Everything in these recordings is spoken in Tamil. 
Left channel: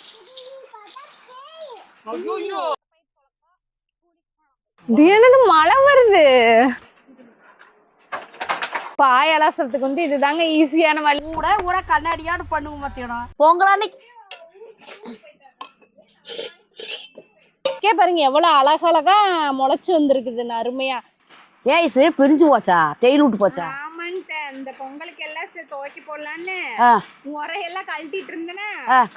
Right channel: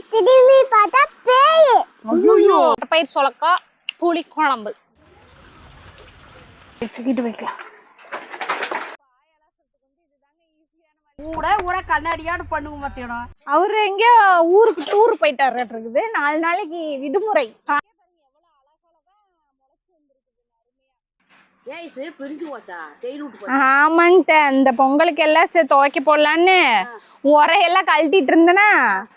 திரும்பி பார்த்தா பேய். ஐயோ பயிர் சொலக்கா புளி குழம்பு. இது என்னது மழை வருது. தூக்கிட்டு வைக்கலாம். பாய் அலாசறதுக்கு வந்து இதுதாங்க ஈஸியான வழி. கூட ஊரா கண்ணாடியாடு பண்ணுவோம் மத்தியானம். பொங்கல் எங்க ஊருக்கு டூர் போயிட்டாரு இருக்குது. 4 நாளைக்கு விடுமுறை. பாருங்க எவ்வளவு அழகழகா முளைச்சு வந்திருக்குதுன்னு அருமையா. ஏய்ஸு பிரிஞ்சு போச்சா? டெய்லி விட்டு போச்சா? ஆமாங்க. இந்த பொங்கலுக்கு எல்லாம் துவைக்க போடலான்னு உரையெல்லாம் கழட்டிட்டு இருந்தேன்னா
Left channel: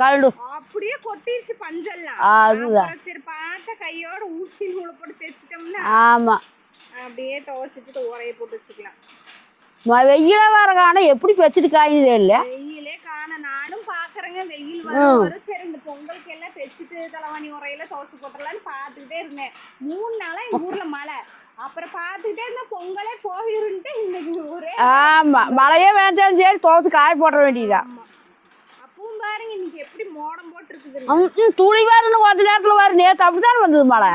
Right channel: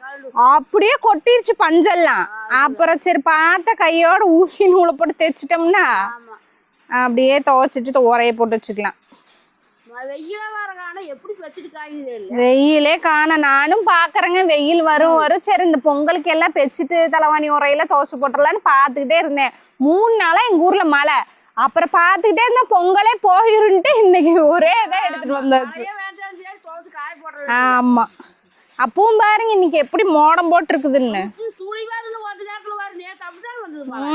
கழடு அப்படியே கொட்டிருச்சு பஞ்செல்லாம். அப்புறம் சரி பார்த்த கையோட ஊசி நூலை போட்டு தைச்சிட்டோம்னா ஆமா அப்படியே துவைச்சிட்டு உரைய போட்டு வச்சுக்கலாம். வெயில வர காண எப்படி வச்சுட்டு காயினதே இல்ல. வெயிலே காண நானும் பாக்குறேங்க. வெயில் வரும் சரி இந்த பொங்கலுக்கு எல்லாம் பெச்சிட்டு தலைவாணி உரையில துவைச்சு போட்டுடலான்னு பாத்துக்கிட்டே இருந்தேன். 3 நாளா எங்க ஊர்ல மழை. அப்புறம் பாத்துக்கிட்டே இருந்தா பொங்கலே போயிருன்ட்டு இன்னைக்கு ஒரே மழையே வேண்டாம் சரி துவைச்சு காய போட வேண்டியது. ஆமா அப்பவும் பாருங்க இன்னைக்கு எப்படி மோடம் போட்டு இருக்குதுன்னு. துளி வருன்னு கொஞ்ச நேரத்துல வரும். நேத்து அப்படித்தான் வந்தது மழை.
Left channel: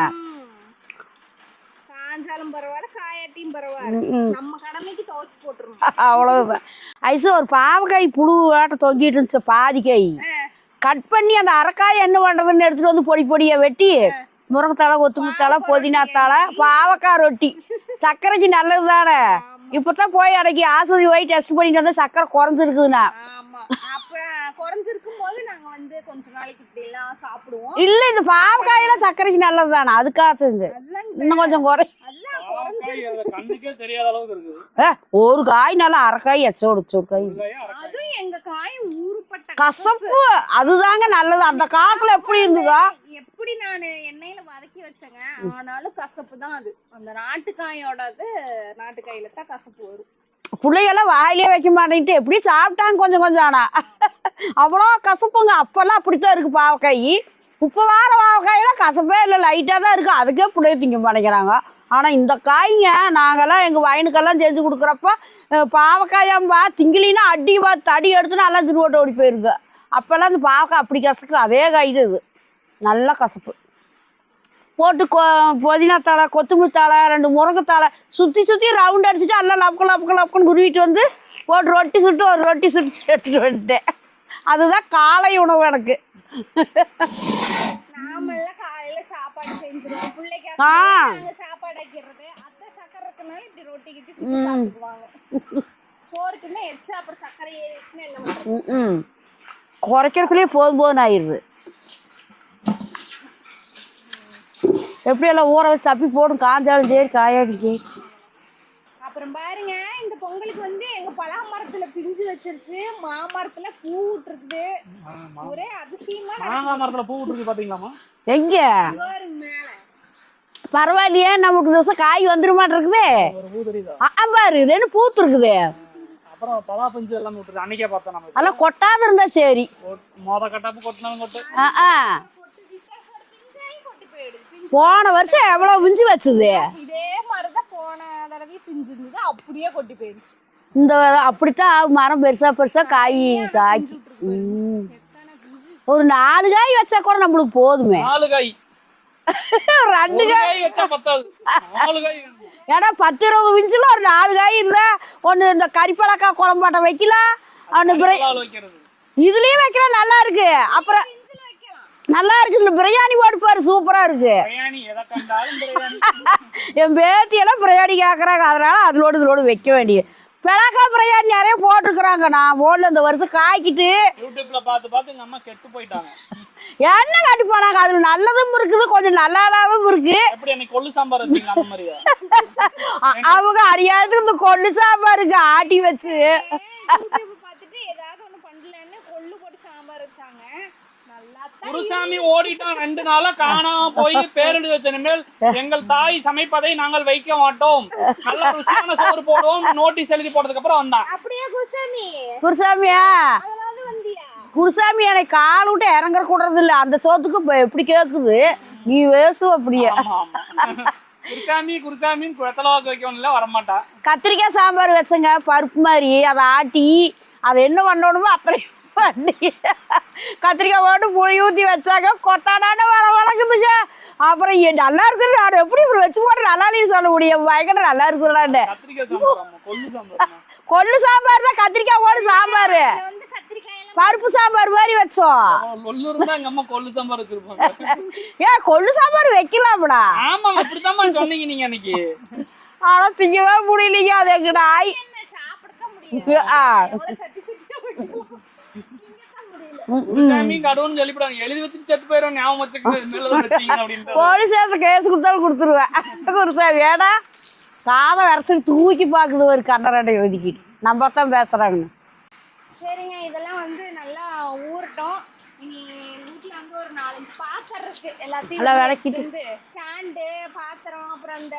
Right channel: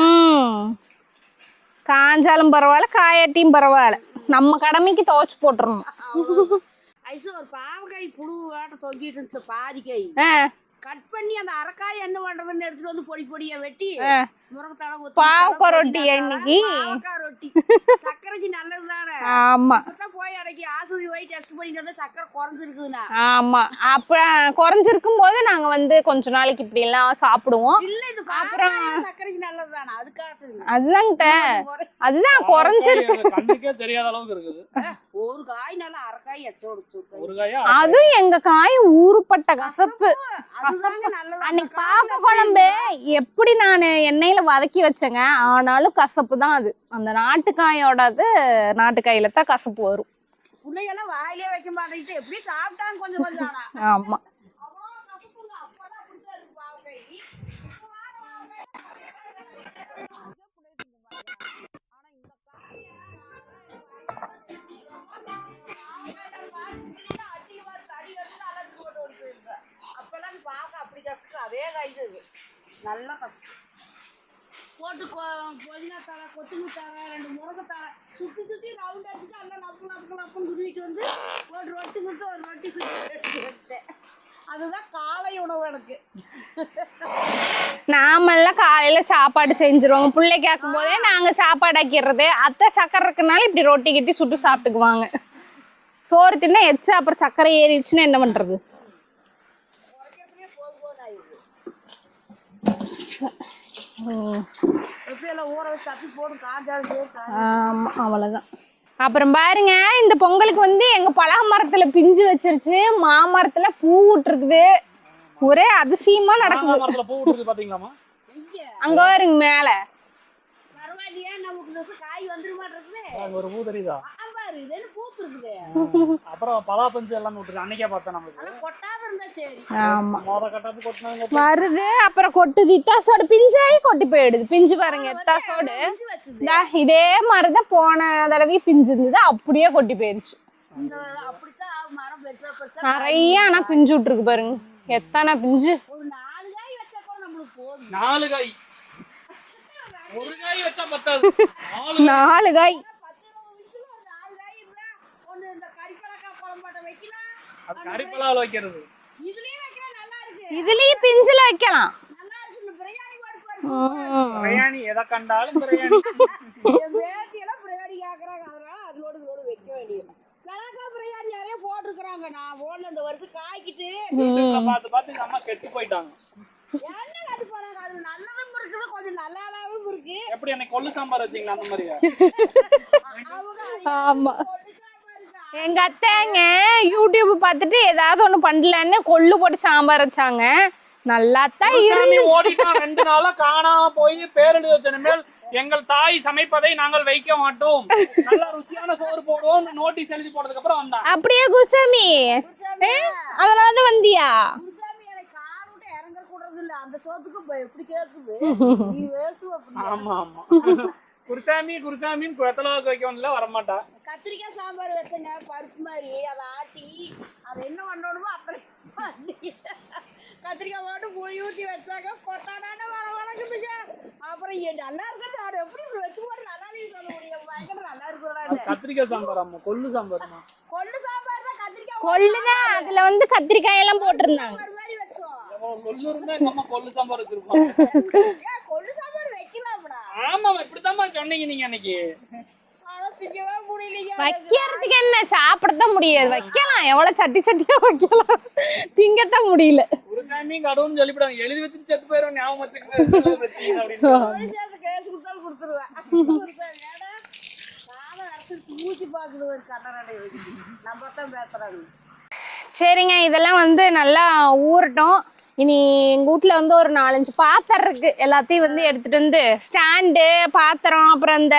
காஞ்சாலும் பரவாயில்ல காயாட்டியும் பரவாயில்ல நம்ம கடமைக்கு துவைச்சு போட்டுறோம் அவ்வளவுதான். ஐசு ஒரு பாவக்காய் புழு ஆட்ட தொங்கிட்டு இருந்துச்சு. பாதி காய் கட் பண்ணி அந்த அரைக்காய் என்ன பண்றதுன்னு எடுத்துட்டு வந்து பொடி பொடியா வெட்டி முருங்கத்தலை கொத்தமல்லி புதினா தலை பாவக்காய் ரொட்டி சக்கரைக்கு நல்லது தானே. இப்பதான் போய் அன்னைக்கு ஆஸ்பத்திரி போய் டெஸ்ட் பண்ணிட்டு வந்து சக்கரை குறைஞ்சிருக்குதுண்ணா. ஆமா அப்புறம் குறைஞ்சிருக்கும் போது நாங்க வந்து கொஞ்ச நாளைக்கு இப்படி எல்லாம் சாப்பிடுவோம். இல்ல இந்த பாவக்காயில சக்கரைக்கு நல்லது தானே. அதுக்காக அதுதான் குறைஞ்சிருக்கு. ஒரு காய் நல்லா அரைக்காய் எச்சோடு காய். அதுவும் எங்க காய் ஊறுப்பட்ட கசப்பு. அதுதாங்க நல்லது. அந்த காட்டுல எப்படி நான் எண்ணெயில வதக்கி வச்சேங்க. ஆனாலும் கசப்பு தான் அது. அந்த நாட்டுக்காயோட நாட்டுக்காயில தான் கசப்பு வரும். பிள்ளைகெல்லாம் வாயிலே வைக்க மாட்டேன்ட்டு எப்படி சாப்பிட்டாங்க கொஞ்சம் கொஞ்சம். ஆனா அவ்வளோ கசப்புங்க. அப்பெல்லாம் அப்படித்தான் இருக்கு பாவக்காய். இப்ப வார பாவக்காயெல்லாம் கசப்பே இல்லை லைட்டா தான் இருக்கு. அதுக்கே பிள்ளைய திங்க மாட்டேங்கிறாங்க. ஆனா இந்த காய்ங்க நாங்கெல்லாம் எங்க வயனுக்கெல்லாம் செஞ்சு கொடுக்குறப்ப பாவக்காயம்பா திங்கிலின்னா அடி தடி எடுத்து நல்லா திருவோட்டு ஓடி போயிருக்கு. அப்பெல்லாம் இந்த பாவக்காய் அப்படி கசக்கு. அதே காய் இது நல்லா கசப்பு போட்டு புதினா தலை கொத்தமல்லி தலை 2 முருங்கைத்தலை சுற்றி சுற்றி ரவுண்ட் அடிச்சுட்டு எல்லாம் லப்புக்குன்னு குருவிட்டு வந்து போட்டு ரொட்டி சுட்டு ஒரு ரொட்டி சுட்டு எடுத்துட்டு வந்துட்டேன். அதுதான் காலை உணவு எனக்கு. நாமெல்லாம் காலையில சாப்பாடு செஞ்சிருவோம். பிள்ளைக்காக நாங்க சாப்பாடு ஆக்கிடுறது. அத்தை சக்கரை இருக்குனால இப்படி ரொட்டி கிட்டி சுட்டு சாப்பிட்டுக்குவாங்க. சோறு தின்னா எச்சா அப்புறம் சக்கரை ஏறிடுச்சுன்னா என்ன பண்றது? குறைக்கிறதுக்குள்ளேயே போதும் ஆயிடுது. எப்படி எல்லாம் ஊற வச்சு தப்பி போடும் காஞ்சாலும் சரி காயாடும். அவ்வளவுதான். அப்புறம் பாருங்க இந்த பொங்கலுக்கு வந்து எங்க பலக மரத்துல பிஞ்சு வச்சிருச்சு. மாமரத்துல பூ விட்டுருக்குது. ஒரே அதிசயமா நடக்குது. எங்க அங்க பாருங்க மேல. பரவாயில்லையே நமக்கு தோசை காய் வந்துட மாட்டிருக்குதே. பாரு இது என்ன பூத்து இருக்குது. அப்புறம் பலா பஞ்சு எல்லாம் அன்னைக்கே பார்த்தேன். அதெல்லாம் கொட்டாத இருந்தா சரி. அப்புறம் கொட்டு திட்டாசோட பிஞ்சாயி கொட்டி போயிடுது. பிஞ்சு போன வருஷம் எவ்வளவு பிஞ்சு வச்சது. இதே மாதிரிதான் போன தடவை பிஞ்சு இருந்தது. அப்படியே கொட்டி போயிருச்சு. இந்த அப்படித்தான் மரம் பெருசா பெருசா காய் ஆனா பிஞ்சு விட்டுருக்கு பாருங்க. எத்தனை பிஞ்சு. ஒரு 4 காய் வச்சா கூட நம்மளுக்கு போதுமே. 4 காய் 2 காய் வச்சா 4 காய். ஏன்னா 10-20 பிஞ்சுல ஒரு 4 காய் இருந்தா ஒண்ணு இந்த கறிப்பழக்கா குழம்பாட்டம் வைக்கலாம். இதுலயும் வைக்கலாம் நல்லா இருக்கு. பிஞ்சுல வைக்கலாம் நல்லா இருக்கு. இந்த பிரியாணி போட்டு பாரு சூப்பரா இருக்கு. என் பேத்தி எல்லாம் பிரியாணி கேக்குறாங்க. அதனால இதோடு வைக்க வேண்டிய பிளக்கா பிரியாணி நிறைய போட்டுருக்குறாங்க. நான் போடல இந்த வருஷம் காய்க்கிட்டு என்ன காட்டி போனாங்க. அதுல நல்லதும் இருக்குது கொஞ்சம் நல்லாதாவும் இருக்கு. அவங்க அறியாது இந்த கொள்ளு சாம்பாருக்கு ஆட்டி வச்சு யூடியூப் பார்த்துட்டு ஏதாவது ஒண்ணு பண்ணலன்னு கொள்ளு போட்டு சாம்பார் வச்சாங்க. நல்லாத்தான் இருந்துச்சு. 2 நாளா காணாம போய் பேரெழுதி வச்சனிமேல் எங்கள் தாய் சமைப்பதை நாங்கள் வைக்க மாட்டோம். நல்ல ருசியான சோறு போடுவோம் நோட்டீஸ் எழுதி போட்டதுக்கு அப்புறம் வந்தான். அப்படியே குருசாமியா அதனால வந்தியா? குருசாமி எனக்கு கால் விட்டு இறங்குற கூடுறது இல்ல. அந்த சோத்துக்கு எப்படி கேக்குது நீ வேசும் அப்படியே. குருசாமின்னு குளத்தலாக்கு வைக்கணும்ல வரமாட்டா. கத்திரிக்காய் சாம்பார் வச்சங்க பருப்பு மாதிரி அதை ஆட்டி அதை என்ன பண்ணணுமோ அப்படியே கத்திரிக்காய் போட்டு புளி ஊற்றி வச்சாங்க. கொத்தாடான வள வளக்குதுங்க. அப்புறம் நல்லா இருக்குது நான் எப்படி இப்படி வச்சு போட்டு நல்லா இல்லைன்னு சொல்ல முடியும் பயங்கர நல்லா இருக்குதுடான்னு. கத்திரிக்காய் சாம்பார் அம்மா, கொள்ளு சாம்பார். கொள்ளு சாம்பார் தான், கத்திரிக்காய் போட்டு சாம்பார். இதுல வந்து கத்திரிக்காய் எல்லாம் பருப்பு சாம்பார் மாதிரி வச்சோம். கொள்ளு இருந்தா எங்க அம்மா கொள்ளு சாம்பார் வச்சிருப்பாங்க. ஏன் கொள்ளு சாம்பார் வைக்கலாம்டா? ஆமா அப்படித்தான் சொன்னீங்க நீங்க அன்னைக்கு. ஆனா திங்கவே முடியலைங்க. அது என்ன சாப்பிடத்தான் முடியாது. எவ்வளவு சட்டி சட்டியா வைக்கலாம், திங்கத்தான் முடியல. சாமி கடவுள்னு சொல்லிவிடாங்க, எழுதி வச்சுட்டு செத்து போயிடும், ஞாபகம் வச்சுக்கிட்டு. போலீஸ் ஸ்டேஷன் கேஸ் கொடுத்தாலும் கொடுத்துருவேன். குருசாமி வேடா சாதம் வரைச்சிட்டு தூக்கி பாக்குது ஒரு கண்டரடை ஒதுக்கிட்டு நம்ம தான் பேசுறாங்க. சரிங்க, இதெல்லாம் வந்து நல்லா ஊறட்டும். இனி எங்க வீட்டுல வந்து ஒரு 4-5 பாத்திரம் இருக்கு. எல்லாத்தையும் வந்து எடுத்துட்டு வந்து ஸ்டாண்டு, பாத்திரம், அப்புறம் இந்த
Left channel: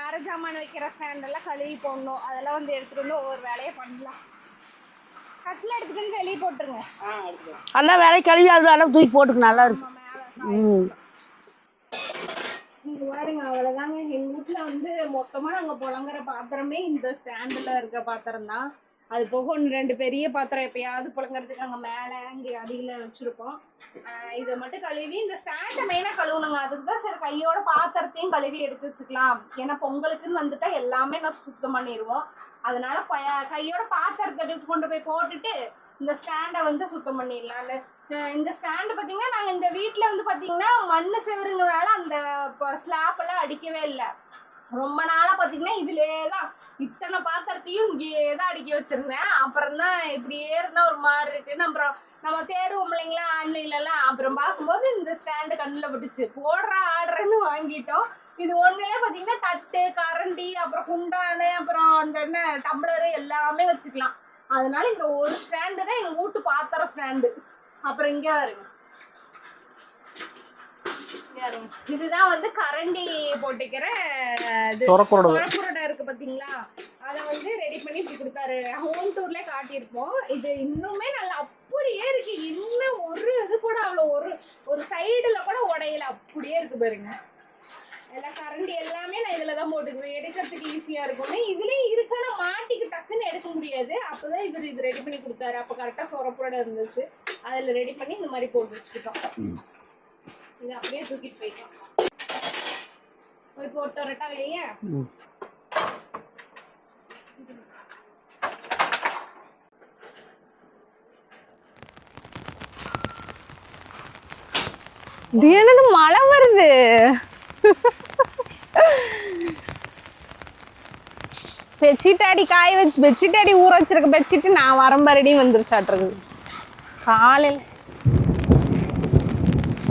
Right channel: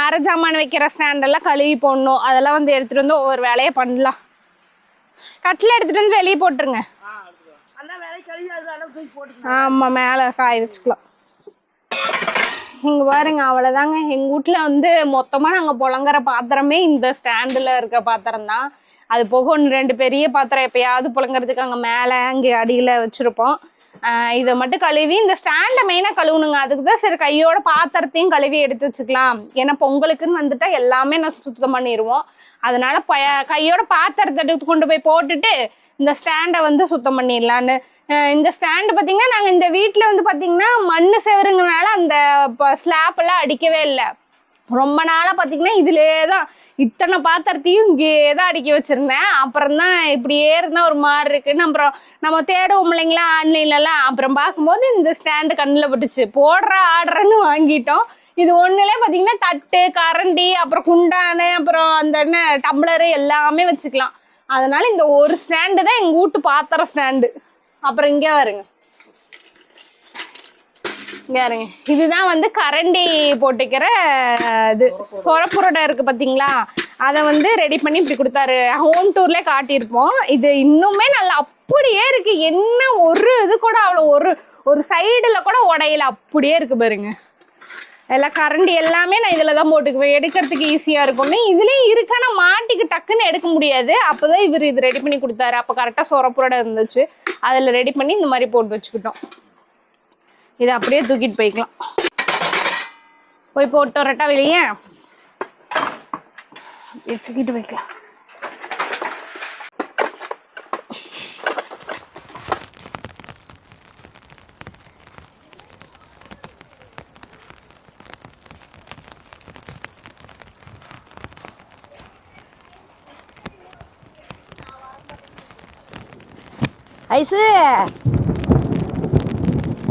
அரை ஜாமான் வைக்கிற ஸ்டாண்ட் எல்லாம் கழுவி போடணும். அதெல்லாம் வந்து எடுத்துட்டு வந்து ஒவ்வொரு வேலையை பண்ணலாம். கட்டில எடுத்துட்டு வந்து வெளியே போட்டுருங்க. எல்லாம் வேலையை கழுவி அது எல்லாம் தூக்கி போட்டுக்கணும். நம்ம மேல காய வச்சுக்கலாம். இங்க பாருங்க, அவ்வளவுதாங்க. எங்க வீட்டுல வந்து மொத்தமா நாங்க புழங்குற பாத்திரமே இந்த ஸ்டாண்டுல இருக்க பாத்திரம் தான். அது போக 1-2 பெரிய பாத்திரம் எப்பயாவது புழங்குறதுக்கு அங்க மேல அங்கே அடியில வச்சிருப்போம். இதை மட்டும் கழுவி இந்த ஸ்டாண்டை மெயினாக கழுவணுங்க. அதுக்கு தான் சரி கையோட பாத்திரத்தையும் கழுவி எடுத்து வச்சுக்கலாம். ஏன்னா பொங்கலுக்குன்னு வந்துட்டா எல்லாமே நான் சுத்தம் பண்ணிடுவோம். அதனால கையோட பாத்திரத்தை எடுத்து கொண்டு போய் போட்டுட்டு இந்த ஸ்டாண்டை வந்து சுத்தம் பண்ணிடலான்னு. இந்த ஸ்டாண்டு பார்த்தீங்கன்னா நாங்கள் இந்த வீட்டில் வந்து பார்த்தீங்கன்னா மண் செவருங்கனால அந்த ஸ்லாப் எல்லாம் அடிக்கவே இல்லை. ரொம்ப நாளாக பார்த்தீங்கன்னா இதுலே தான் இத்தனை பாத்திரத்தையும் இங்கே தான் அடுக்கி வச்சிருந்தேன். அப்புறம் தான் இப்படியே இருந்தால் ஒரு மாதிரி இருக்குன்னு அப்புறம் நம்ம தேடுவோம் இல்லைங்களா ஆன்லைன்லலாம். அப்புறம் பார்க்கும்போது இந்த ஸ்டாண்டு கண்ணில் பட்டுச்சு. போடுற ஆர்டர்ன்னு வாங்கிட்டோம். இது ஒன்றுலே பார்த்தீங்கன்னா தட்டு, கரண்டி, அப்புறம் குண்டானு, அப்புறம் அந்த என்ன டம்ளரு எல்லாமே வச்சுக்கலாம். அதனால இந்த ஒரு ஸ்டாண்டு தான் எங்கள் வீட்டு பாத்திரம் ஸ்டாண்டு. அப்புறம் இங்கே வருங்க, பாருங்க, இதுதான் வந்து கரண்டி போட்டுக்கிற இது சொரப்புரோட இருக்கு பாத்தீங்களா. அதை வந்து ரெடி பண்ணி இப்படி கொடுத்தாரு. ஹோம் டூர்ல காட்டியிருப்போம். இது இன்னுமே நல்லா அப்படியே இருக்கு. என்ன ஒரு இது கூட அவ்வளோ ஒரு சைடுல கூட உடையில அப்படியே இருக்கு பாருங்க. எல்லாம் கரண்டி எல்லாமே நான் இதுல தான் போட்டுக்குவேன், எடுக்கிறதுக்கு ஈஸியா இருக்கும்னு. இதுலயும் இருக்கு, ஆனா மாட்டிக்கு டக்குன்னு எடுக்க முடியாது. அப்பதான் இவர் இது ரெடி பண்ணி கொடுத்தாரு. அப்ப கரெக்டா சொரப்புரோட இருந்துச்சு, அதுல ரெடி பண்ணி இந்த மாதிரி போட்டு வச்சுக்கிட்டோம். இதை அப்படியே தூக்கிட்டு போய்க்கலாம். போய் போட்டு வரட்டா வெளியே, தூக்கிட்டு போய்க்கலாம். என்னது மழை வருது? பெட்ஷீட் அடி காய வச்சு பெட்ஷீட் அடி ஊற வச்சிருக்க பெட்ஷீட் நான் வரம்பரடியும் வந்துருச்சாட்டுறது.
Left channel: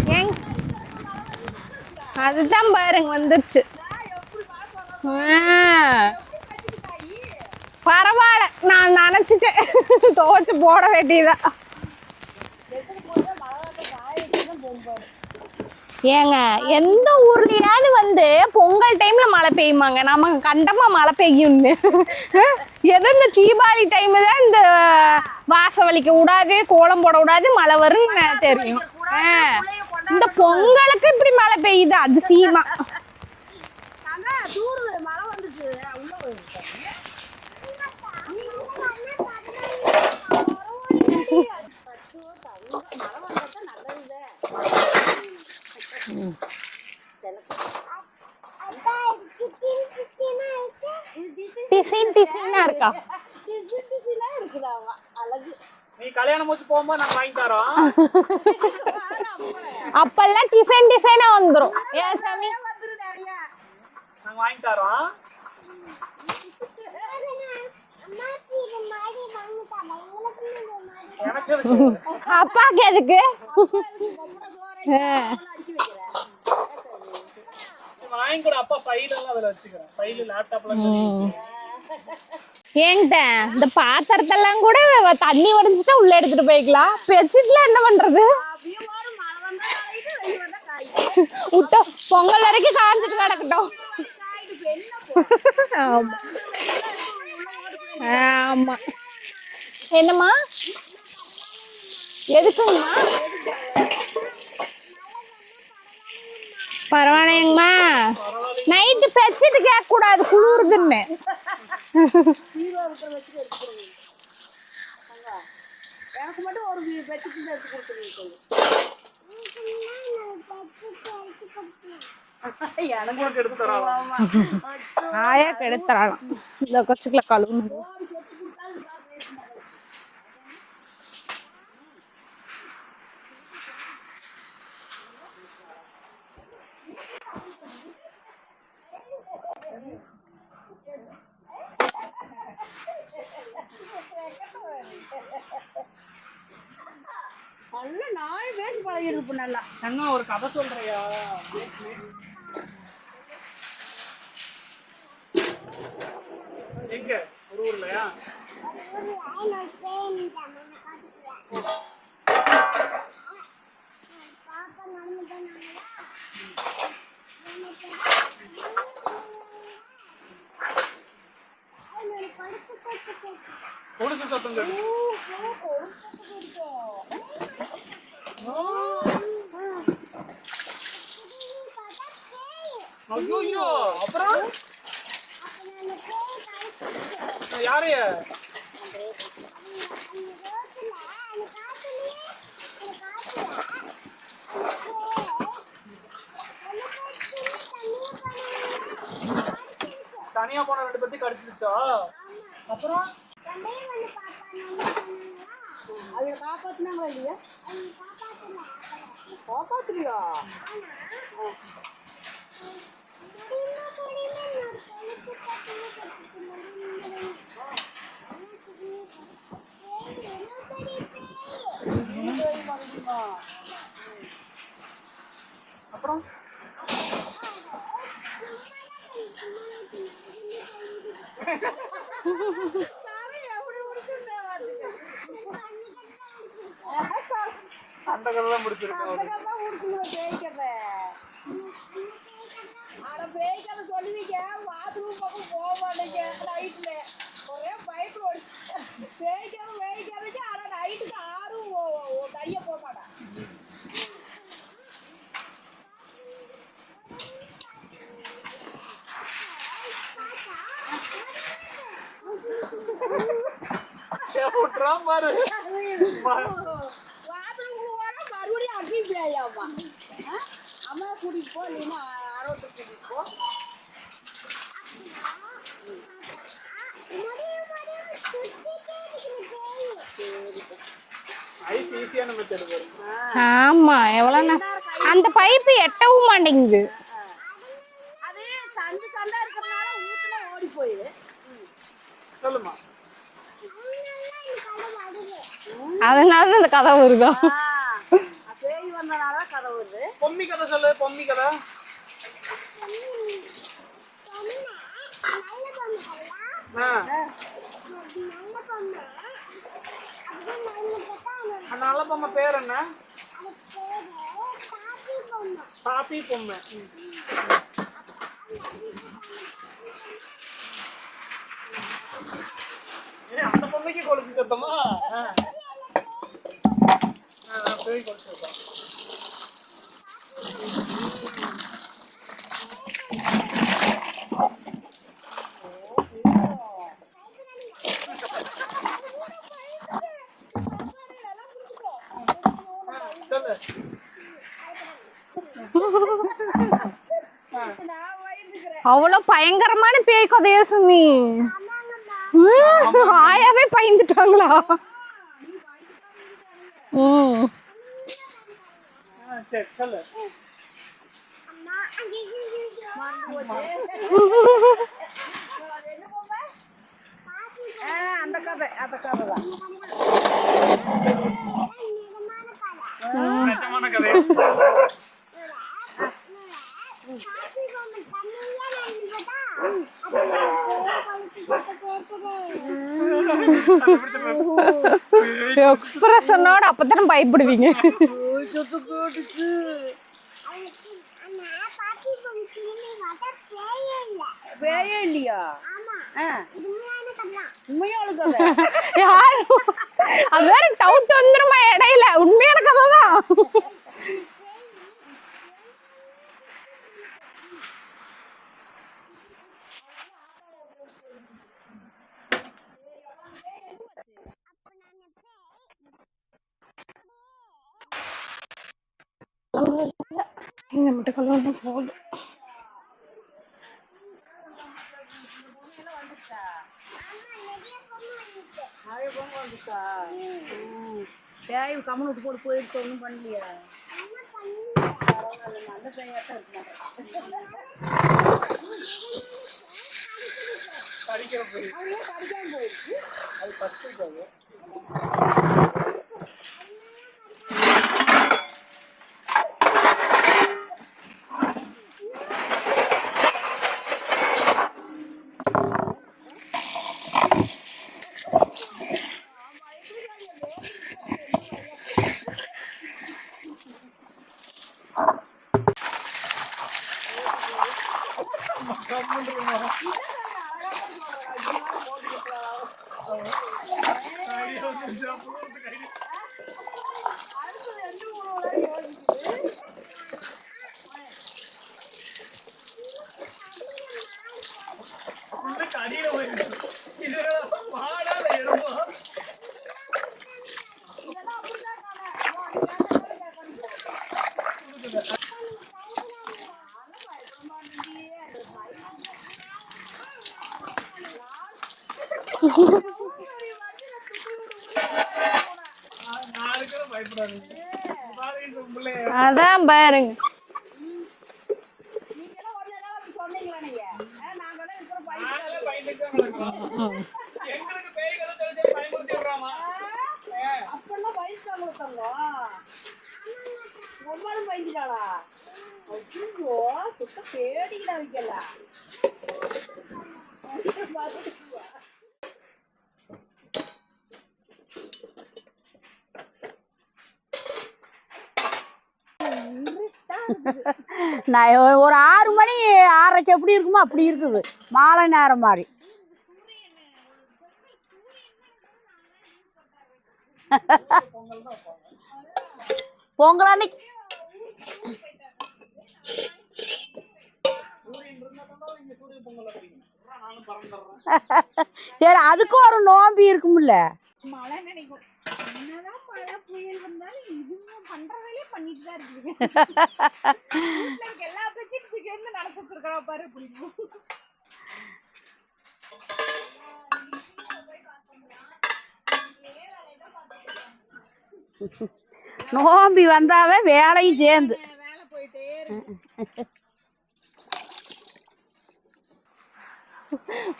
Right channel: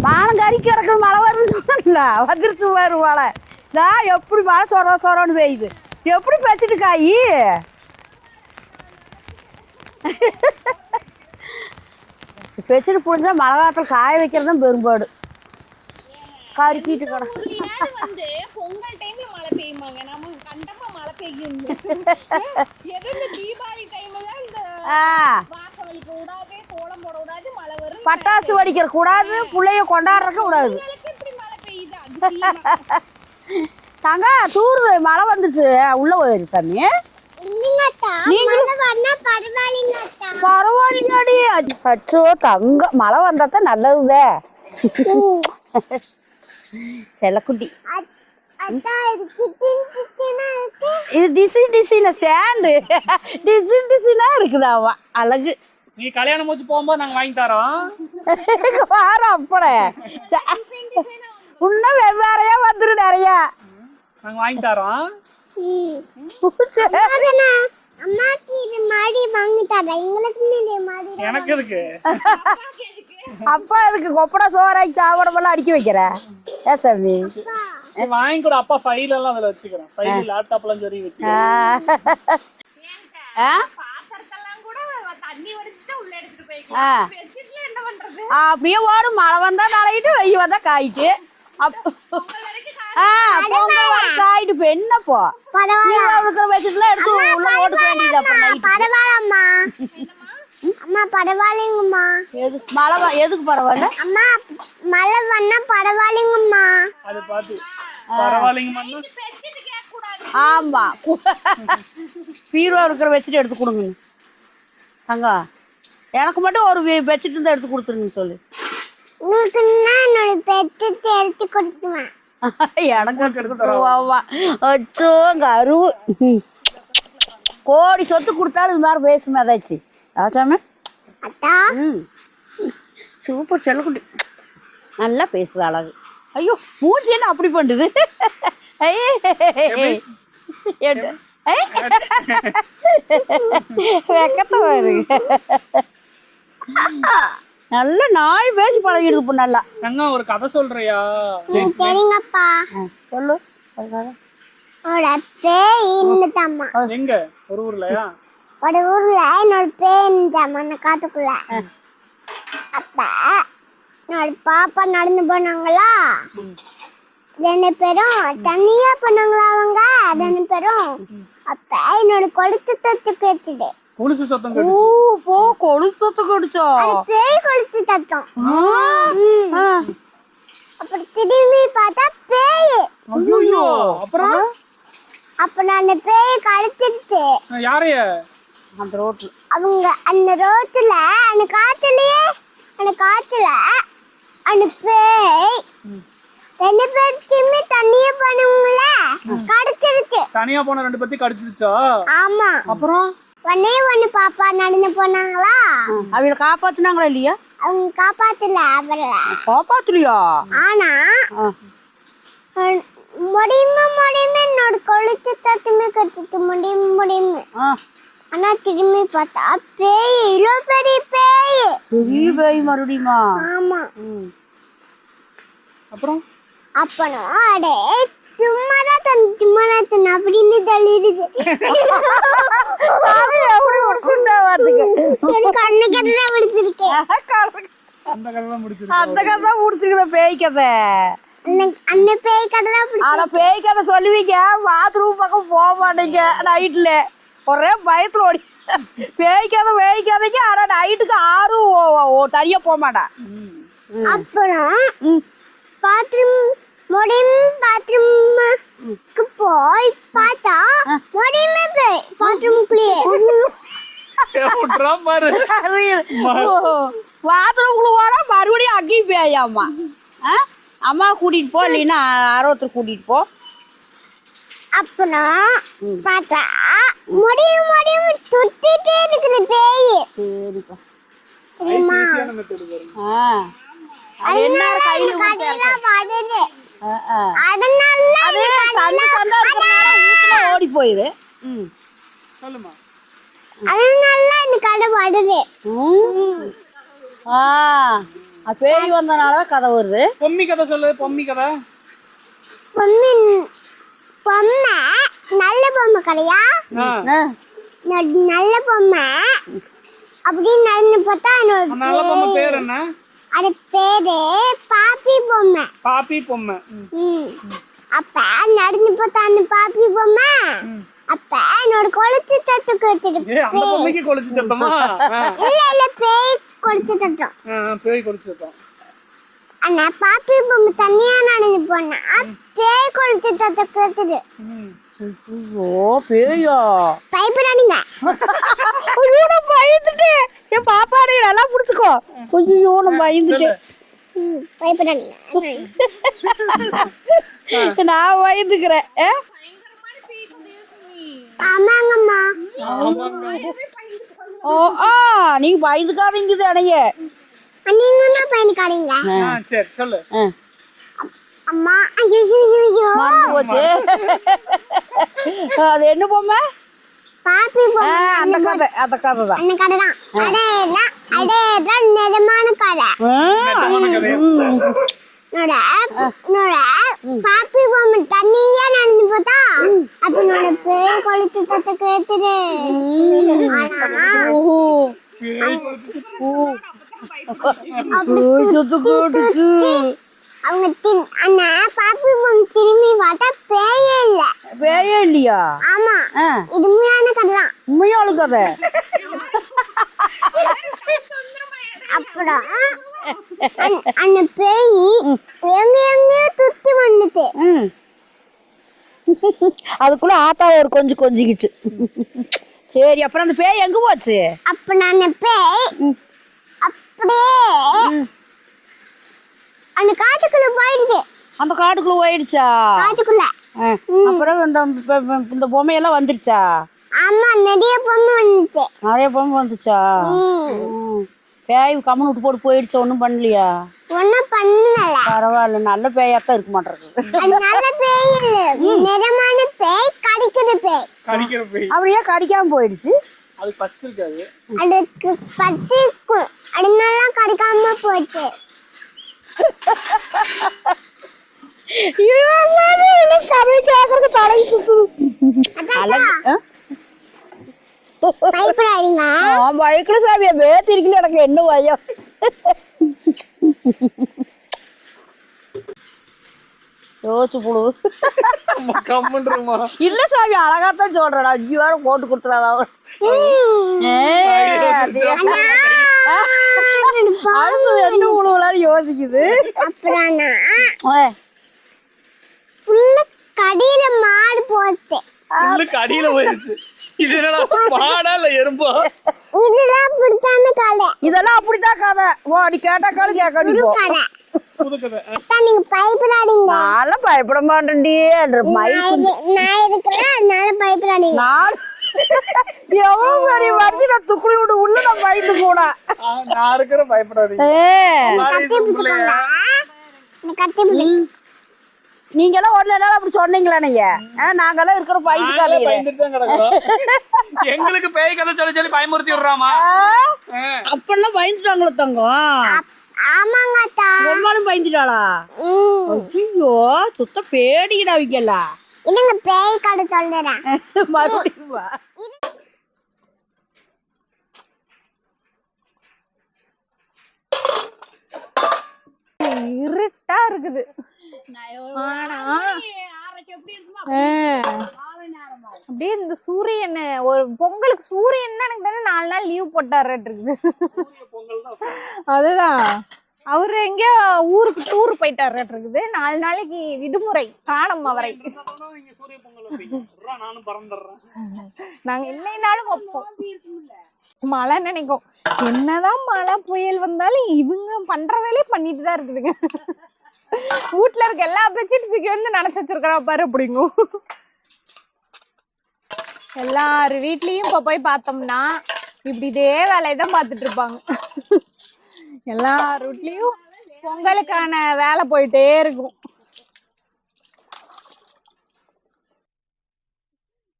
வானம் கறி கிடக்கு, மழை வருது சொன்னல எப்படி மழை சொர சொரன்னு எப்படி பெட்ஷீட் காயி? பரவாயில்ல, நான் நினைச்சிட்டேன் துவைச்சு போட வேண்டியதான். பெட்ஷீட் புரிஞ்சா மழை காலத்துல காய வைக்கிறதும் பெரும்பாடு. ஏங்க எந்த ஊர்லயாவது வந்து பொங்கல் டைம்ல மழை பெய்யுமாங்க? நமக்கு கண்டமா மழை பெய்யும்னு. எதோ இந்த தீபாவளி டைம் தான் இந்த வாசம் வலிக்க கூடாது, கோலம் போட கூடாது, மழை வரும், பட்டாசு வெடிக்க கூடாது, புள்ளைய கொண்டாட. பொங்கலுக்கு இப்படி மழை பெய்யுது அதிசயமா. தாங்க தூருது, மழை வந்துச்சு உள்ள போயிரு சாமி. பரவாயில்லையாடி, அச்சோ தங்க மழை வந்தாத்தான் நல்லதுவே. செல்லக்குட்டி இது டிசைன் டிசைனா ஸ்டாண்டு டிசைன் டிசைனா இருக்குதாவா அழகு. நீ கல்யாணம் முடிச்சு போகும்போது நாங்க வாங்கி தரோம். அப்பெல்லாம் டிசைன் டிசைனா வந்துரும், இன்னும் வேறையா வந்துரும் நிறைய. நாங்க வாங்கி தரோம். எனக்கு இருக்கு, அப்பாக்கு எதுக்கு? அப்பா எதுக்கு கொப்படா சோறாக்கி சாப்பிடமெல்லாம் அடுக்கி வைக்கிற? சாமி வாங்கி கூட அப்பா ஃபைல் எல்லாம் அதுல வச்சுக்கிறேன். ஃபைல் லேப்டாப்ல ஏங்கிட்ட இந்த பாத்திரத்தெல்லாம் கூட தண்ணி வடிஞ்சிட்டா உள்ள எடுத்துட்டு போய்க்கலாம். பெட்ஷீட்ல என்ன பண்றது? அப்படியே ஓடும், மழை வந்தா நனையிட்டு வெய்ய வந்தா காயிட்டு பொங்கல் வரைக்கும் காயிட்டு இப்ப என்னப்போ பெட்ஷீட்லாம் எடுத்து உள்ள ஓட்டு வேண்டியது. என்னம்மா அம்மா பரவாயில்லைங்கம்மா. எதுக்கு மழை எதுக்கு பரவாயில்ல? அம்மா மழை வந்தா பரவாயில்லைங்கம்மா. பரவாயில்லைங்கம்மா. நைட்டு பெட்ஷீட் கேட்க கூடாது, பீரோ இருக்கிற பெட்ஷீட் எடுத்து கொடுங்க. தங்க எனக்கு மட்டும் ஒரு பெட்ஷீட் தான் எடுத்து கொடுத்துருங்க சொல்லு. உங்களுக்கு என்னோட பெத்து எடுத்து கொடுத்துவேன். எனக்கு எடுத்துருவாமா அச்சோ கோடி சொத்து கொடுத்தாலும் இது மாதிரி பேசுமே ஏதாச்சும் ஆச்சாம அத்தா சூப்பர் செல்லக்குட்டி நல்லா பேசுது அழகு. ஐயோ மூஞ்சி என்ன அப்படி பண்ணுது வெக்கத்தை பாரு. நல்லா நாய் பேசி பழகிடுது இப்போ நல்லா. அண்ணா ஒரு கதை சொல்றியா? சரிங்கப்பா சொல்லு. என்னோட பேய் இருந்துட்டாமா. எங்க? ஒரு ஊர்லயா? ஒரு ஊர்ல என்னோட பேய் இருந்துட்டாமா அந்த காட்டுக்குள்ள. அப்ப என்னோட பாப்பா நடந்து போனாங்களா, 2 பேரும் தனியா போனாங்களா அவங்க 2 பேரும். அப்ப என்னோட கொளுத்து தத்து கேட்டுடு. கொலுசு சத்தம் ஓ போ கொலுசு சத்தம் கடிச்சா பேய் கொளுத்து தத்தம். அப்புறம் திரும்பி பார்த்தா பேய். ஐயோ அப்புறம் அப்ப நான் அந்த பேயை கடிச்சிருச்சு. யாரைய? அந்த ரோட்டு அவங்க அந்த ரோட்டுல அந்த காத்துல அந்த பேய் 2 பேருக்குமே தண்ணிய பண்ணுங்கள கடிச்சிருச்சு. தனியா போன 2 பேத்தையும் கடிச்சிருச்சா? ஆமா. அப்புறம் ஒண்ணு பாப்பா நடந்து போனாங்களா, அவங்கள காப்பாத்துனாங்களா இல்லையா? அவங்க காப்பாத்தல. அவங்கள காப்பாத்துலியா? ஆனா முடியுமா என்னோட கொளுத்து தத்துமே கத்துட்டு முடியுமே. ஆனா திரும்பி பார்த்தா பேய், இவ்வளோ பெரிய பேய். பெரிய பேய் மறுபடியுமா? ஆமா. அப்புறம் அப்பனா அடே சும்மாதான் அப்படின்னு தள்ளிடுது. எப்படி முடிச்சுட்டா வாத்துக்கு கண்ணு கண்ணா விழுத்திருக்கேன். அந்த கதை தான் முடிச்சிருக்கு. அந்த கதை தான் முடிச்சுக்கிற பேய் கதை. அந்த பேய் கதை தான். ஆனா பேய் கதை சொல்லுவீங்க, பாத்ரூம் பக்கம் போக மாட்டீங்க நைட்ல. ஒரே பயத்துல ஓடி பேய் கதைக்கு. ஆனா நைட்டுக்கு 6 தனியா போக மாட்டேன். அப்புறம் பாத்ரூமுக்கு போய் பார்த்தா முடியுமே பேய் பாத்ரூமுக்குள்ளேயே. பாத்ரூம்குள்ள போனா மறுபடியும் அங்கேயும் பேயாமா. அம்மா கூட்டிட்டு போ, இல்லைன்னா ஆரோத்தர் கூட்டிட்டு போ. அப்புறம் பார்த்தா முடியும் சுத்திட்டே இருக்குது பேய். ஆமா அந்த பைப்பு எட்டவும் மாட்டேங்குது. ஓடி போயிரு. சொல்லுமா. அதனால இந்த கதை வருது. அதனால இந்த கதை வருதா? பேய் வந்தனாலதான் கதை வருது. பொம்மி கதை சொல்லு. பொம்மி கதை. பொம்மை நல்ல பொம்மை கதையா? நல்ல பொம்மை அப்படின்னு நடந்து பார்த்தா நல்ல பொம்மை பேர் என்ன? அது பேரு பாப்பி பொம்மை. பாப்பி பொம்மை. அப்ப நடந்து பார்த்தா அந்த பாப்பி பொம்மை அப்ப என்னோட கொளுத்து தத்து கேட்டுட்டு. அந்த பொம்மைக்கு கொளுத்து சத்தமா? இல்ல பேய் கொளுத்து தத்தம். பேய் கொளுத்து சத்தம். ஆனா பாப்பி பொம்மை தனியா நடந்து போனா பேய் கொளுத்து தத்து கேட்டுது. ஓ பேயா? பயப்படாதீங்க. பயந்துட்டு என் பாப்பாடு நல்லா புடிச்சுக்கோ. ஐயோ நான் பயந்துட்டேன். பயப்படாதீங்க. நான் பயந்துக்கிறேன். அவ்வளவு பயங்கரமான பேய் கதையா சுமி? ஆமாங்கம்மா. ஆயாவே பயந்துட்டாங்களா? நீங்க பயந்துக்காதீங்க அணைய. நீங்க என்ன பயந்துக்காதீங்க? சரி சொல்லு. அம்மா ஐயோ போச்சு. அது என்ன பொம்மை? பாப்பி பொம்மை. அந்த கதை தான். அந்த கதை தான். அடேதான் நிஜமான கதை. பாப்பி பொம்மை தண்ணியா நடந்து போதா அப்ப என்னோட பேய் கொளுத்து தத்து கேட்டுது. எக்ஸ்பிரஷனோட அப்பதானே பயப்படுவீங்க. அவங்க அண்ணா பாப்பி பொம்மை திரும்பி பார்த்தா பேயே இல்ல. பேயே இல்லையா? ஆமா. இது உண்மையான கதை தான். உண்மையான கதை. டவுட் வந்துருமா இடையில? உண்மையான கதை தான். அந்த பேய் எங்கேயோ துத்தி வந்துட்டு. அதுக்குள்ள ஆத்தா ஒரு கொஞ்சிக்கிச்சு. சரி அப்புறம் அந்த பேய் எங்க போச்சு? அப்ப நான் பேய் அப்படியே அந்த காட்டுக்குள்ள போயிடுச்சு. அந்த காட்டுக்குள்ள போயிடுச்சா? காட்டுக்குள்ள. அப்புறம் இந்த பொம்மையெல்லாம் வந்துருச்சா? ஆமா, நிறைய பொம்மை வந்துச்சு. நிறைய பொம்மை வந்துச்சா? பேய் கம்மன் விட்டு போட்டு போயிடுச்சு, ஒன்றும் பண்ணலையா? ஒன்னும் பண்ணல. பரவாயில்ல, நல்ல பேயாத்தான் இருக்க மாட்டேங்குது. அது நல்ல பேய் இல்ல, நிறமான பேய், கடிக்கிற பேய். கடிக்கிற பேய். அப்படியே கடிக்காம போயிடுச்சு. அது பச்சை இருக்காது. அதுக்கு கத்திக்கும், அதனால கடிக்காம போச்சு. பயக்கல சாமியா, வேத்தி இருக்குன்னு எனக்கு என்ன பயம். யோசிச்சு போடு. இல்ல சாமி, அழகாத்தான் சொல்றேன். 5 வாரம் போட்டு கொடுத்துறாதா? அடுத்தது என்ன உணவுலான்னு யோசிக்குது. அப்புறம் கடியில மாடு போச்சு. கடியில போயிடுச்சு. இதெல்லாம் மாடா இல்ல எறும்பா? இதெல்லாம் பிடிச்சான கதை. இதெல்லாம் அப்படித்தான் கதை. ஓ, நீ கேட்டா காலம் கேட்க கதை. நீங்க பயப்படாதீங்க. நான் பயப்பட மாட்டேன்டி. நான் இருக்கிறேன், அதனால பயப்படாதீங்க. நான் எவ்வளவு பெரிய வண்டி நான் துக்குளி விட்டு உள்ள நான் பயந்து போனா. நான் இருக்கிற பயப்படாதீங்க. அதான் பாருங்க. கத்தி பிடி. நீங்க எல்லாம் ஒரு நாள் அப்படி சொன்னீங்களா? நீங்க நாங்கெல்லாம் இருக்கிற பயந்துக்காதீங்க. எங்களுக்கு பேய் கதை சொல்லி சொல்லி பயமுறுத்தி விடுறாமா? அப்பெல்லாம் பயந்துட்டாங்களோ தங்கம்? ஆமாங்க அத்தா. ரொம்பவும் பயந்துட்டாளா? ஐயோ, சுத்த பேடிக்கிட வைக்கல. இன்னங்க பேய் கதை சொல்றேன். மறுபடியும் வா. இருட்டா இருக்குது. நான் ஒரு 6 மணி 6:30 எப்படி இருக்குமோ அப்படி இருக்குது. மாலை நேரம் மாதிரி. அப்படியே இந்த சூரியன் ஒரு பொங்கலுக்கு சூரியன் எனக்கு தானே 4 நாள் லீவ் போட்டாரு இருக்குது. அதுதான் பொங்கல் எங்க ஊருக்கு டூர் போயிட்டாரு இருக்குது. 4 நாளைக்கு விடுமுறை காணும் அவரை. அதுக்கும் ஒரு நோம்பி இருக்கும்ல. மழை நினைக்கும். என்னதான் மழை புயல் வந்தாலும் இவங்க பண்ற வேலையை பண்ணிட்டு தான் இருக்குதுங்க. வீட்டுல இருக்க எல்லா பெட்ஷீட்டுக்கு வந்து நினைச்சு வச்சிருக்கிறா பாரு அப்படிங்கும். எல்லாரு வீட்லயும் இப்ப போய் பார்த்தோம்னா இப்படி இதே வேலையை தான் பார்த்துட்டு இருப்பாங்க. எல்லாம் நோம்பி வந்தாவே வேலையான வேலை போயிட்டே இருக்கும்.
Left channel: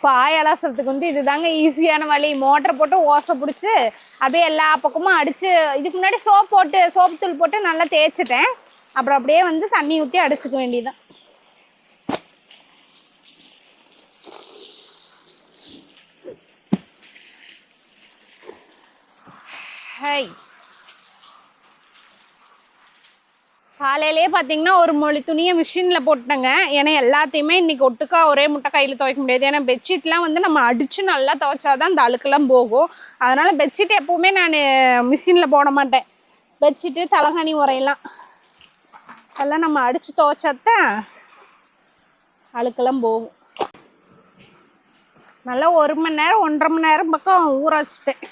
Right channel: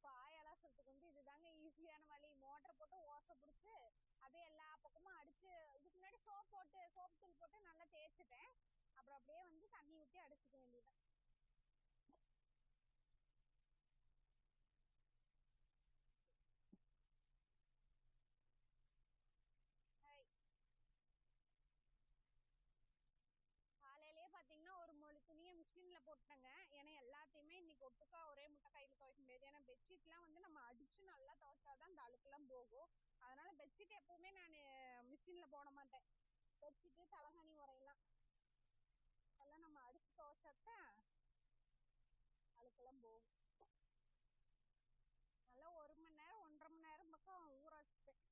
பாய் அலாசறதுக்கு வந்து இதுதாங்க ஈஸியான வழி. மோட்டரை போட்டு ஓசை பிடிச்சி அப்படியே எல்லா பக்கமும் அடிச்சு, இதுக்கு முன்னாடி சோப்பு தூள் போட்டு நல்லா தேய்ச்சிட்டேன். அப்புறம் அப்படியே வந்து தண்ணி ஊற்றி அடிச்சுக்க வேண்டியதுதான். ஹை, காலையிலே பார்த்தீங்கன்னா ஒரு மொழி துணியை மிஷினில் போட்டேங்க. ஏன்னா எல்லாத்தையுமே இன்னைக்கு ஒட்டுக்கா ஒரே முட்டை கையில் துவைக்க முடியாது. ஏன்னா பெட்ஷீட்லாம் வந்து நம்ம அடித்து நல்லா துவைச்சாதான் அந்த அழுக்கெல்லாம் போகும். அதனால் பெட்ஷீட் எப்போவுமே நான் மிஷினில் போட மாட்டேன். பெட்ஷீட்டு தலகாணி உரையெல்லாம் எல்லாம் நம்ம அடித்து துவைச்சாதான் அழுக்கெல்லாம் போகும். நல்லா 1 மணி நேரம் 1.5 மணி நேரம் பக்கம் ஊற வச்சுட்டேன்.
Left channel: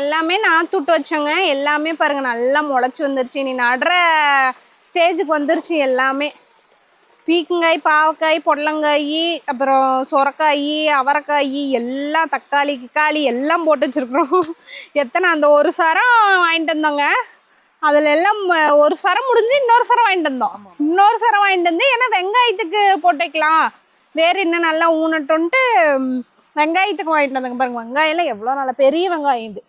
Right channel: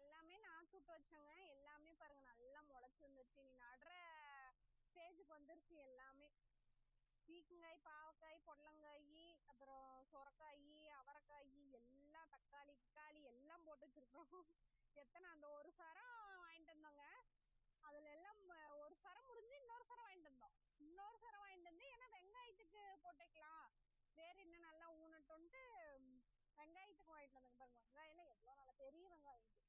எல்லாமே நாற்று விட்டு வச்சோங்க. எல்லாமே பாருங்க நல்லா முளைச்சி வந்துருச்சு. நீ நடுற ஸ்டேஜுக்கு வந்துருச்சு எல்லாமே. பீக்கங்காய், பாவக்காய், பொடலங்காய், அப்புறம் சொரக்காய், அவரைக்காய், எல்லாம் தக்காளி கிக்காளி எல்லாம் போட்டு வச்சிருக்கிறோம். எத்தனை அந்த ஒரு சரம் வாங்கிட்டு வந்தோங்க. அதுல எல்லாம் ஒரு சரம் முடிஞ்சு இன்னொரு சரம் வாங்கிட்டு வந்தோம். இன்னொரு சரம் வாங்கிட்டு வந்து ஏன்னா வெங்காயத்துக்கு போட்டுக்கலாம், வேற இன்னும் நல்லா ஊனட்டோன்ட்டு வெங்காயத்துக்கு வாங்கிட்டு வந்தாங்க. பாருங்க வெங்காயம்லாம் எவ்வளோ நல்லா பெரிய வெங்காயம். இது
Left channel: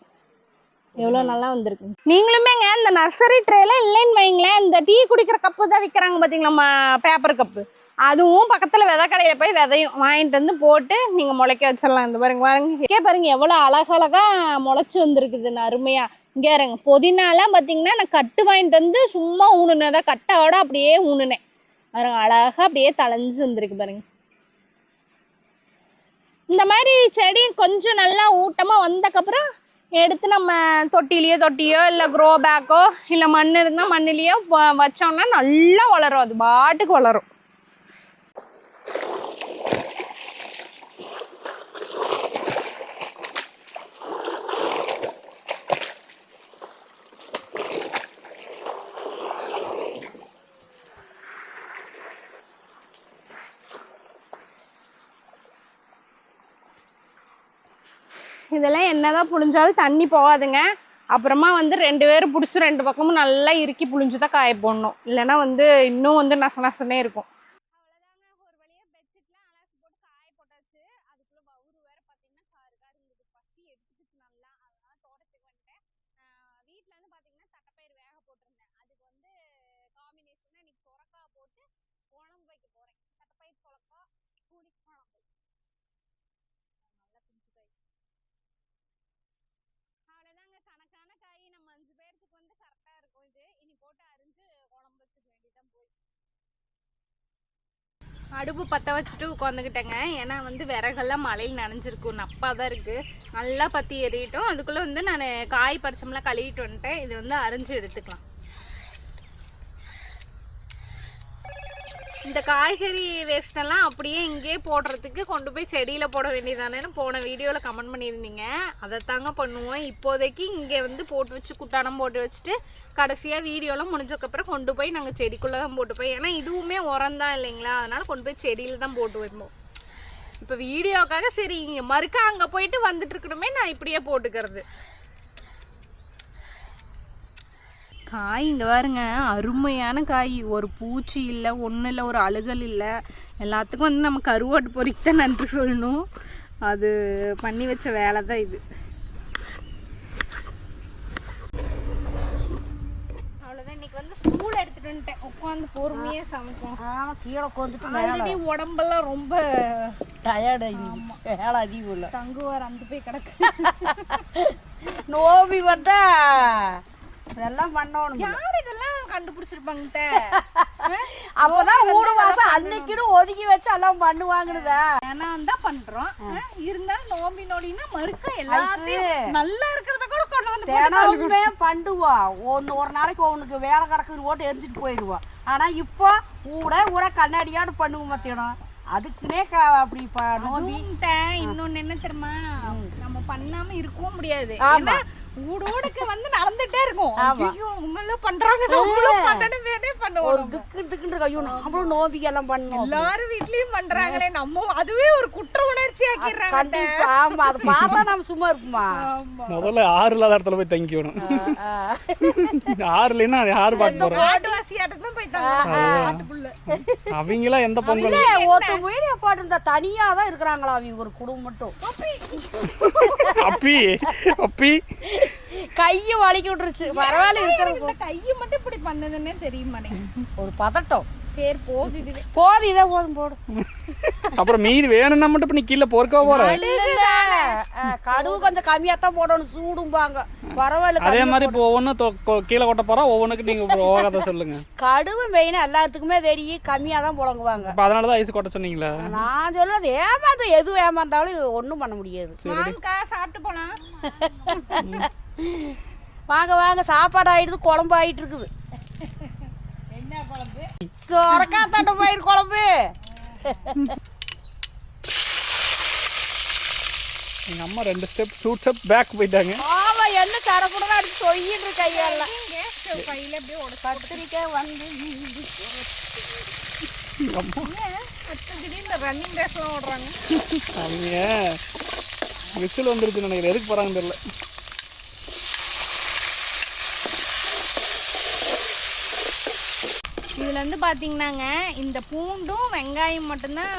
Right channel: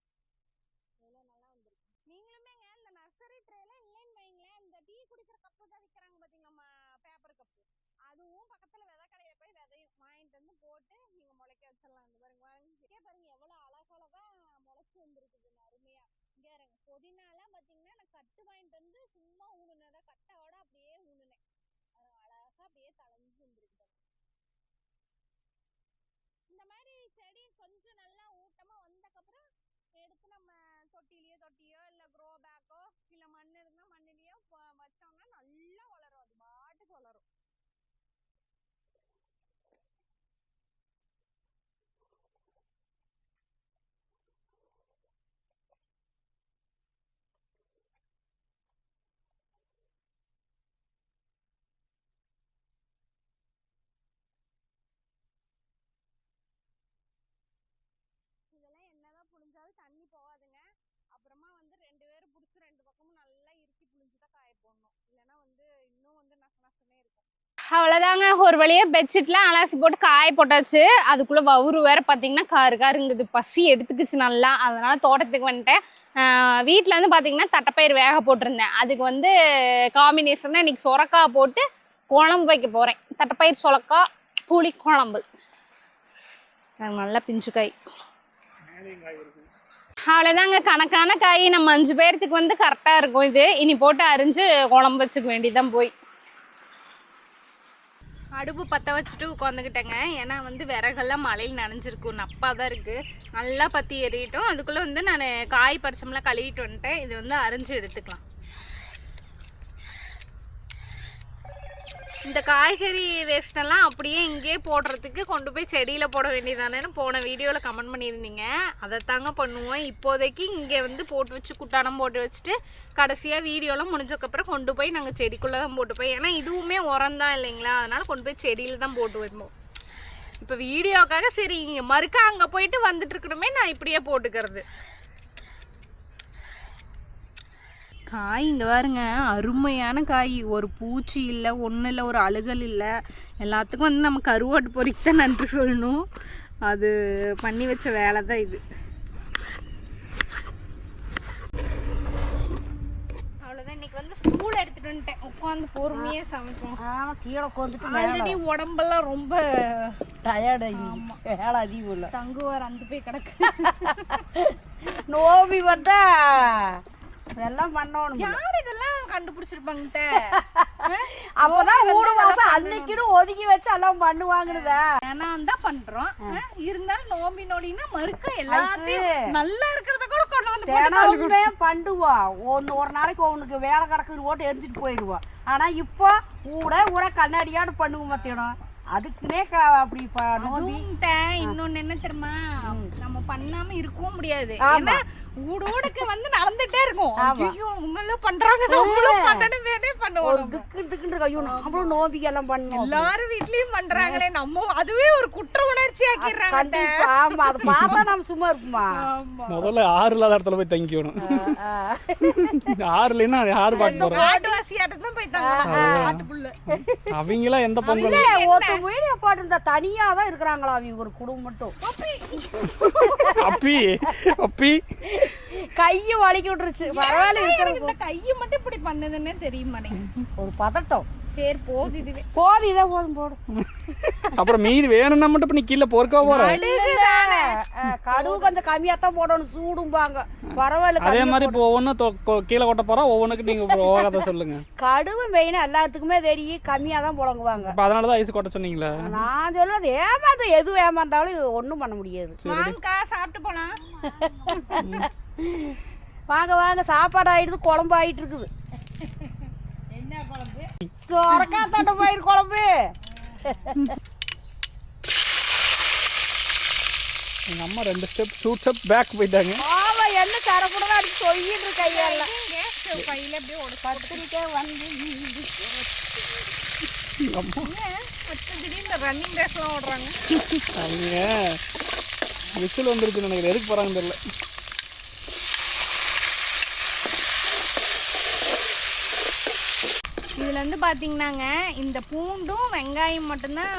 எவ்வளோ நல்லா வந்திருக்கு. நீங்களுமேங்க இந்த நர்சரி ட்ரேல இல்லைன்னு வைங்களேன், இந்த டீ குடிக்கிற கப்பு தான் விற்கிறாங்க பார்த்தீங்களா, பேப்பர் கப்பு, அதுவும் பக்கத்தில் விதை கடையில் போய் விதையும் வாங்கிட்டு வந்து போட்டு நீங்கள் முளைக்க வச்சிடலாம். இந்த பாருங்க பாருங்க பாருங்க எவ்வளோ அழகழகாக முளைச்சி வந்துருக்குதுன்னு அருமையாக. இங்கே இருங்க புதினாலாம் பார்த்தீங்கன்னா நான் கட்டு வாங்கிட்டு வந்து சும்மா ஊனுனேன், கட்டோட அப்படியே ஊனுனேன். பாருங்க அழகாக அப்படியே தளைஞ்சு வந்துருக்கு பாருங்க. இந்த மாதிரி செடி கொஞ்சம் நல்லா ஊட்டமாக வந்தக்கப்புறம் எடுத்து நம்ம தொட்டியோ இல்லை க்ரோ பேக்கோ இல்லை மண் இருந்தால் மண்ணிலையோ வச்சோம்னா நல்லா வளரும். அது பாட்டுக்கு வளரும். இதெல்லாம் என்னதான் புழிஞ்சாலும் தண்ணி போகாதுங்க. அப்புறமா வந்து 2 பேரும் பிடிச்சி 2 பக்கமும் நல்லா இறுக்கி புழிஞ்சு தான் காய போடணும். இல்லைன்னா வந்து இன்னும் வந்து நசனே இருக்கும். அவ்வளோதாங்க, ஒரு வழியாக பெட்ஷீட்லாம் அலசி போட்டு காய போட்டாச்சு. அதுக்குள்ளே வவுறு வேறு பார்த்தீங்கன்னா காருங்குது. பசி எடுத்துக்கிச்சு நல்லா. அதனால் தோட்டத்துக்கு வந்துட்டேன். வீட்டில் வந்து பார்த்தீங்கன்னா தட்டைப்பயிர் வேக போட்டிருந்தேன். அதுக்கு வந்து காம்பினேஷனாக இன்றைக்கி சொரக்காய் போட்டு குழம்பு வைக்க போகிறேன். தட்டைப்பயிர் சொரக்காய் புளி குழம்பு. நல்லா பிஞ்சு காய். அவ்வளோதாங்க, கணக்கான காய். நம்ம 5 பேர்த்துக்கு வந்து கரெக்டாக இருக்கும். இது இனி போட்டு அரிஞ்சு குழம்பு வச்சுக்க வேண்டியதான். போய் அடுப்பு பற்ற வச்சுட்டு உட்காந்துக்கிட்டேங்க. ஏன்னா வந்து விறகெல்லாம் மழையில் நனைஞ்சிருக்கும், நப்பாக தான் இருக்குது. நல்லா பற்றி எறிட்டோம். அதுக்குள்ளே வந்து நான் காய் பறிச்சோம்லாம் கழுவிட்டு வந்துட்டேன். இது வந்து அரிஞ்சு எடுத்துக்கலாம். இந்த காய்கறி வேஸ்டெல்லாம் அப்படியே இங்கேயே போடுறதுக்கு கொண்டு போய் செடியில் போட வேண்டியதானேன்னு போன வீடியோவில் கமெண்ட் பண்ணியிருந்தீங்க. அதை தாங்க பண்ணுவோம். இப்போதைக்கு இங்கே வந்து போட்டு வச்சு குட்டானம் போட்டு வச்சுட்டு கடைசியாக வீடியோலாம் முடிஞ்சக்கப்புறம் கொண்டு போய் நாங்கள் செடிக்குள்ளே தான் போட்டுப்போம். ஏன்னா இதுவுமே உரம் தான் இல்லைங்களா, அதனால் கொண்டு போய் செடியில் தான் போட்டு வைப்போம். இப்போ வீடியோக்காக சரி இங்கே மறுக்கா அங்கே போயிட்டு வந்துட்டு இருக்கணுமே, நான் இப்படியே போட்டுக்கிறது. காய் இங்கே பாருங்க, அருமையான காய். ஒரு பூச்சி இல்லை, ஒன்றும் இல்லை, ஒரு அழுகல் இல்லை. எல்லாத்துக்கும் வந்து நம்ம கருவாட்டு பொறிக்கு தான் நன்றி சொல்லணும். அது பண்ணி வச்ச வேலை தான் இது. அவ்வளோதான், இன்னைக்கு வந்து ஸ்டூல் எடுத்துகிட்டு வந்துட்டேன். உட்காந்து பொறுமையாக சமைப்போம். கீழே உட்காந்துட்டு ஆல்ரெடி உடம்பெல்லாம் ரொம்ப டயர்டு. வேலை அதிகம் இல்லை. தங்குவார் அந்த போய் கிடக்கு. நோபி வந்தா இதெல்லாம் பண்ணணும். யார் இதெல்லாம் கண்டுபிடிச்சிருப்பாங்க? அப்பதான் ஊடு வாசம் அன்னைக்குன்னு ஒதுக்கி வச்சு எல்லாம் பண்ணுவாங்கதா. ஏன்னா தான் பண்றோம். இருந்தாலும் நோம்பி நோடினா மறுக்க எல்லாத்தையும் நல்லா இருக்கிறத கூட கொண்டு வந்து தினமுமே பண்ணுவோம். ஒரு நாளைக்கு உனக்கு வேலை கிடக்குன்னு போட்டு எரிஞ்சிட்டு போயிடுவோம். ஆனா இப்போ ஊரை கண்ணாடியாடு பண்ணுவோம் மத்தியானம். அதுக்குனே அப்படி நோம்பி. இன்னொன்னு என்ன தெரியுமா, நம்ம பண்ணாம இருக்கவும் முடியாது. ஏன்னா ஊடோடுக்கு வந்து நடந்துட்டே இருக்கும். ஐயோ உங்களும் பண்றாங்க, நம்மளும் பண்ணணுமே பண்ணுவோம். ஒரு திக்கு ஐயோ நம்மளும் நோம்பிக்கு எல்லாம் பண்ணணும். எல்லாரும் வீட்லயும் பண்றாங்களே, நம்ம அதுவே ஒரு குற்ற உணர்ச்சி ஆக்கிடுறாங்க. கண்டிப்பா. ஆமா, அதை பார்த்தா நம்ம சும்மா இருப்போமா. முதல்ல ஆறு இல்லாத இடத்துல போய் தங்கிக்கணும். ஆறு இல்லைன்னா யாரு பார்க்க போறோம்? காட்டுவாசி ஆட்டத்தான் போய் தங்கணும். அவங்களா எந்த பொங்கல் ஒருத்த வீடியோ போட்டு தனியா தான் இருக்கிறாங்களா அவங்க ஒரு குடும்பம் மட்டும். அப்பி அப்பி கையை வலிக்கி விட்டுருச்சு. பரவாயில்ல, இருக்கிற கையை மட்டும் இப்படி பண்ணுதுன்னே தெரியுமா ஒரு பதட்டம். சரி போகுது, இதுவே போதும், இதே போதும் போடும். அப்புறம் மீதி வேணும்னா மட்டும் இப்ப நீ கீழே பொறுக்க போற. கடுவு கொஞ்சம் கம்மியா தான் போடணும், சூடும்பாங்க. பரவாயில்ல. அதே மாதிரி இப்போ ஒவ்வொன்றும் கீழே கொட்ட போறா, ஒவ்வொன்றுக்கு நீங்க ஓகாத சொல்லுங்க. கடுவு மெயினா எல்லாத்துக்குமே தெரியும், கம்மியா தான் புழங்குவாங்க. இப்ப அதனாலதான் ஐஸ் கொட்ட சொன்னீங்களா? நான் சொல்றது ஏமாந்து எது ஏமாந்தாலும் ஒண்ணும் பண்ண முடியாது. சாப்பிட்டு போலாம். வாங்க வாங்க, சாப்பாடு ஆயிடுது, குழம்பு ஆயிட்டு இருக்குது. என்ன குழம்பு? சொரக்காய் தட்டைப்பயிர் குழம்பு. எங்க அம்மா 2 ஸ்டெப் பேக் போயிட்டாங்க. ஆமா, என்ன தரக்கூடாது அடிச்சு சொல்லிட்டு கையெல்லாம் கையில அப்படியே உடச்சு கத்திரிக்காய் வந்து திடீர்னு ரன்னிங் ரேஸ்லாம் ஓடுறாங்க. அவங்க விசில் வந்துருச்சுன்னு நினைக்கிறேன். எதுக்கு போறாங்கன்னு தெரியல. இதில் வந்து பார்த்தீங்கன்னாங்க, இந்த பூண்டும் வெங்காயம் மட்டும்தான்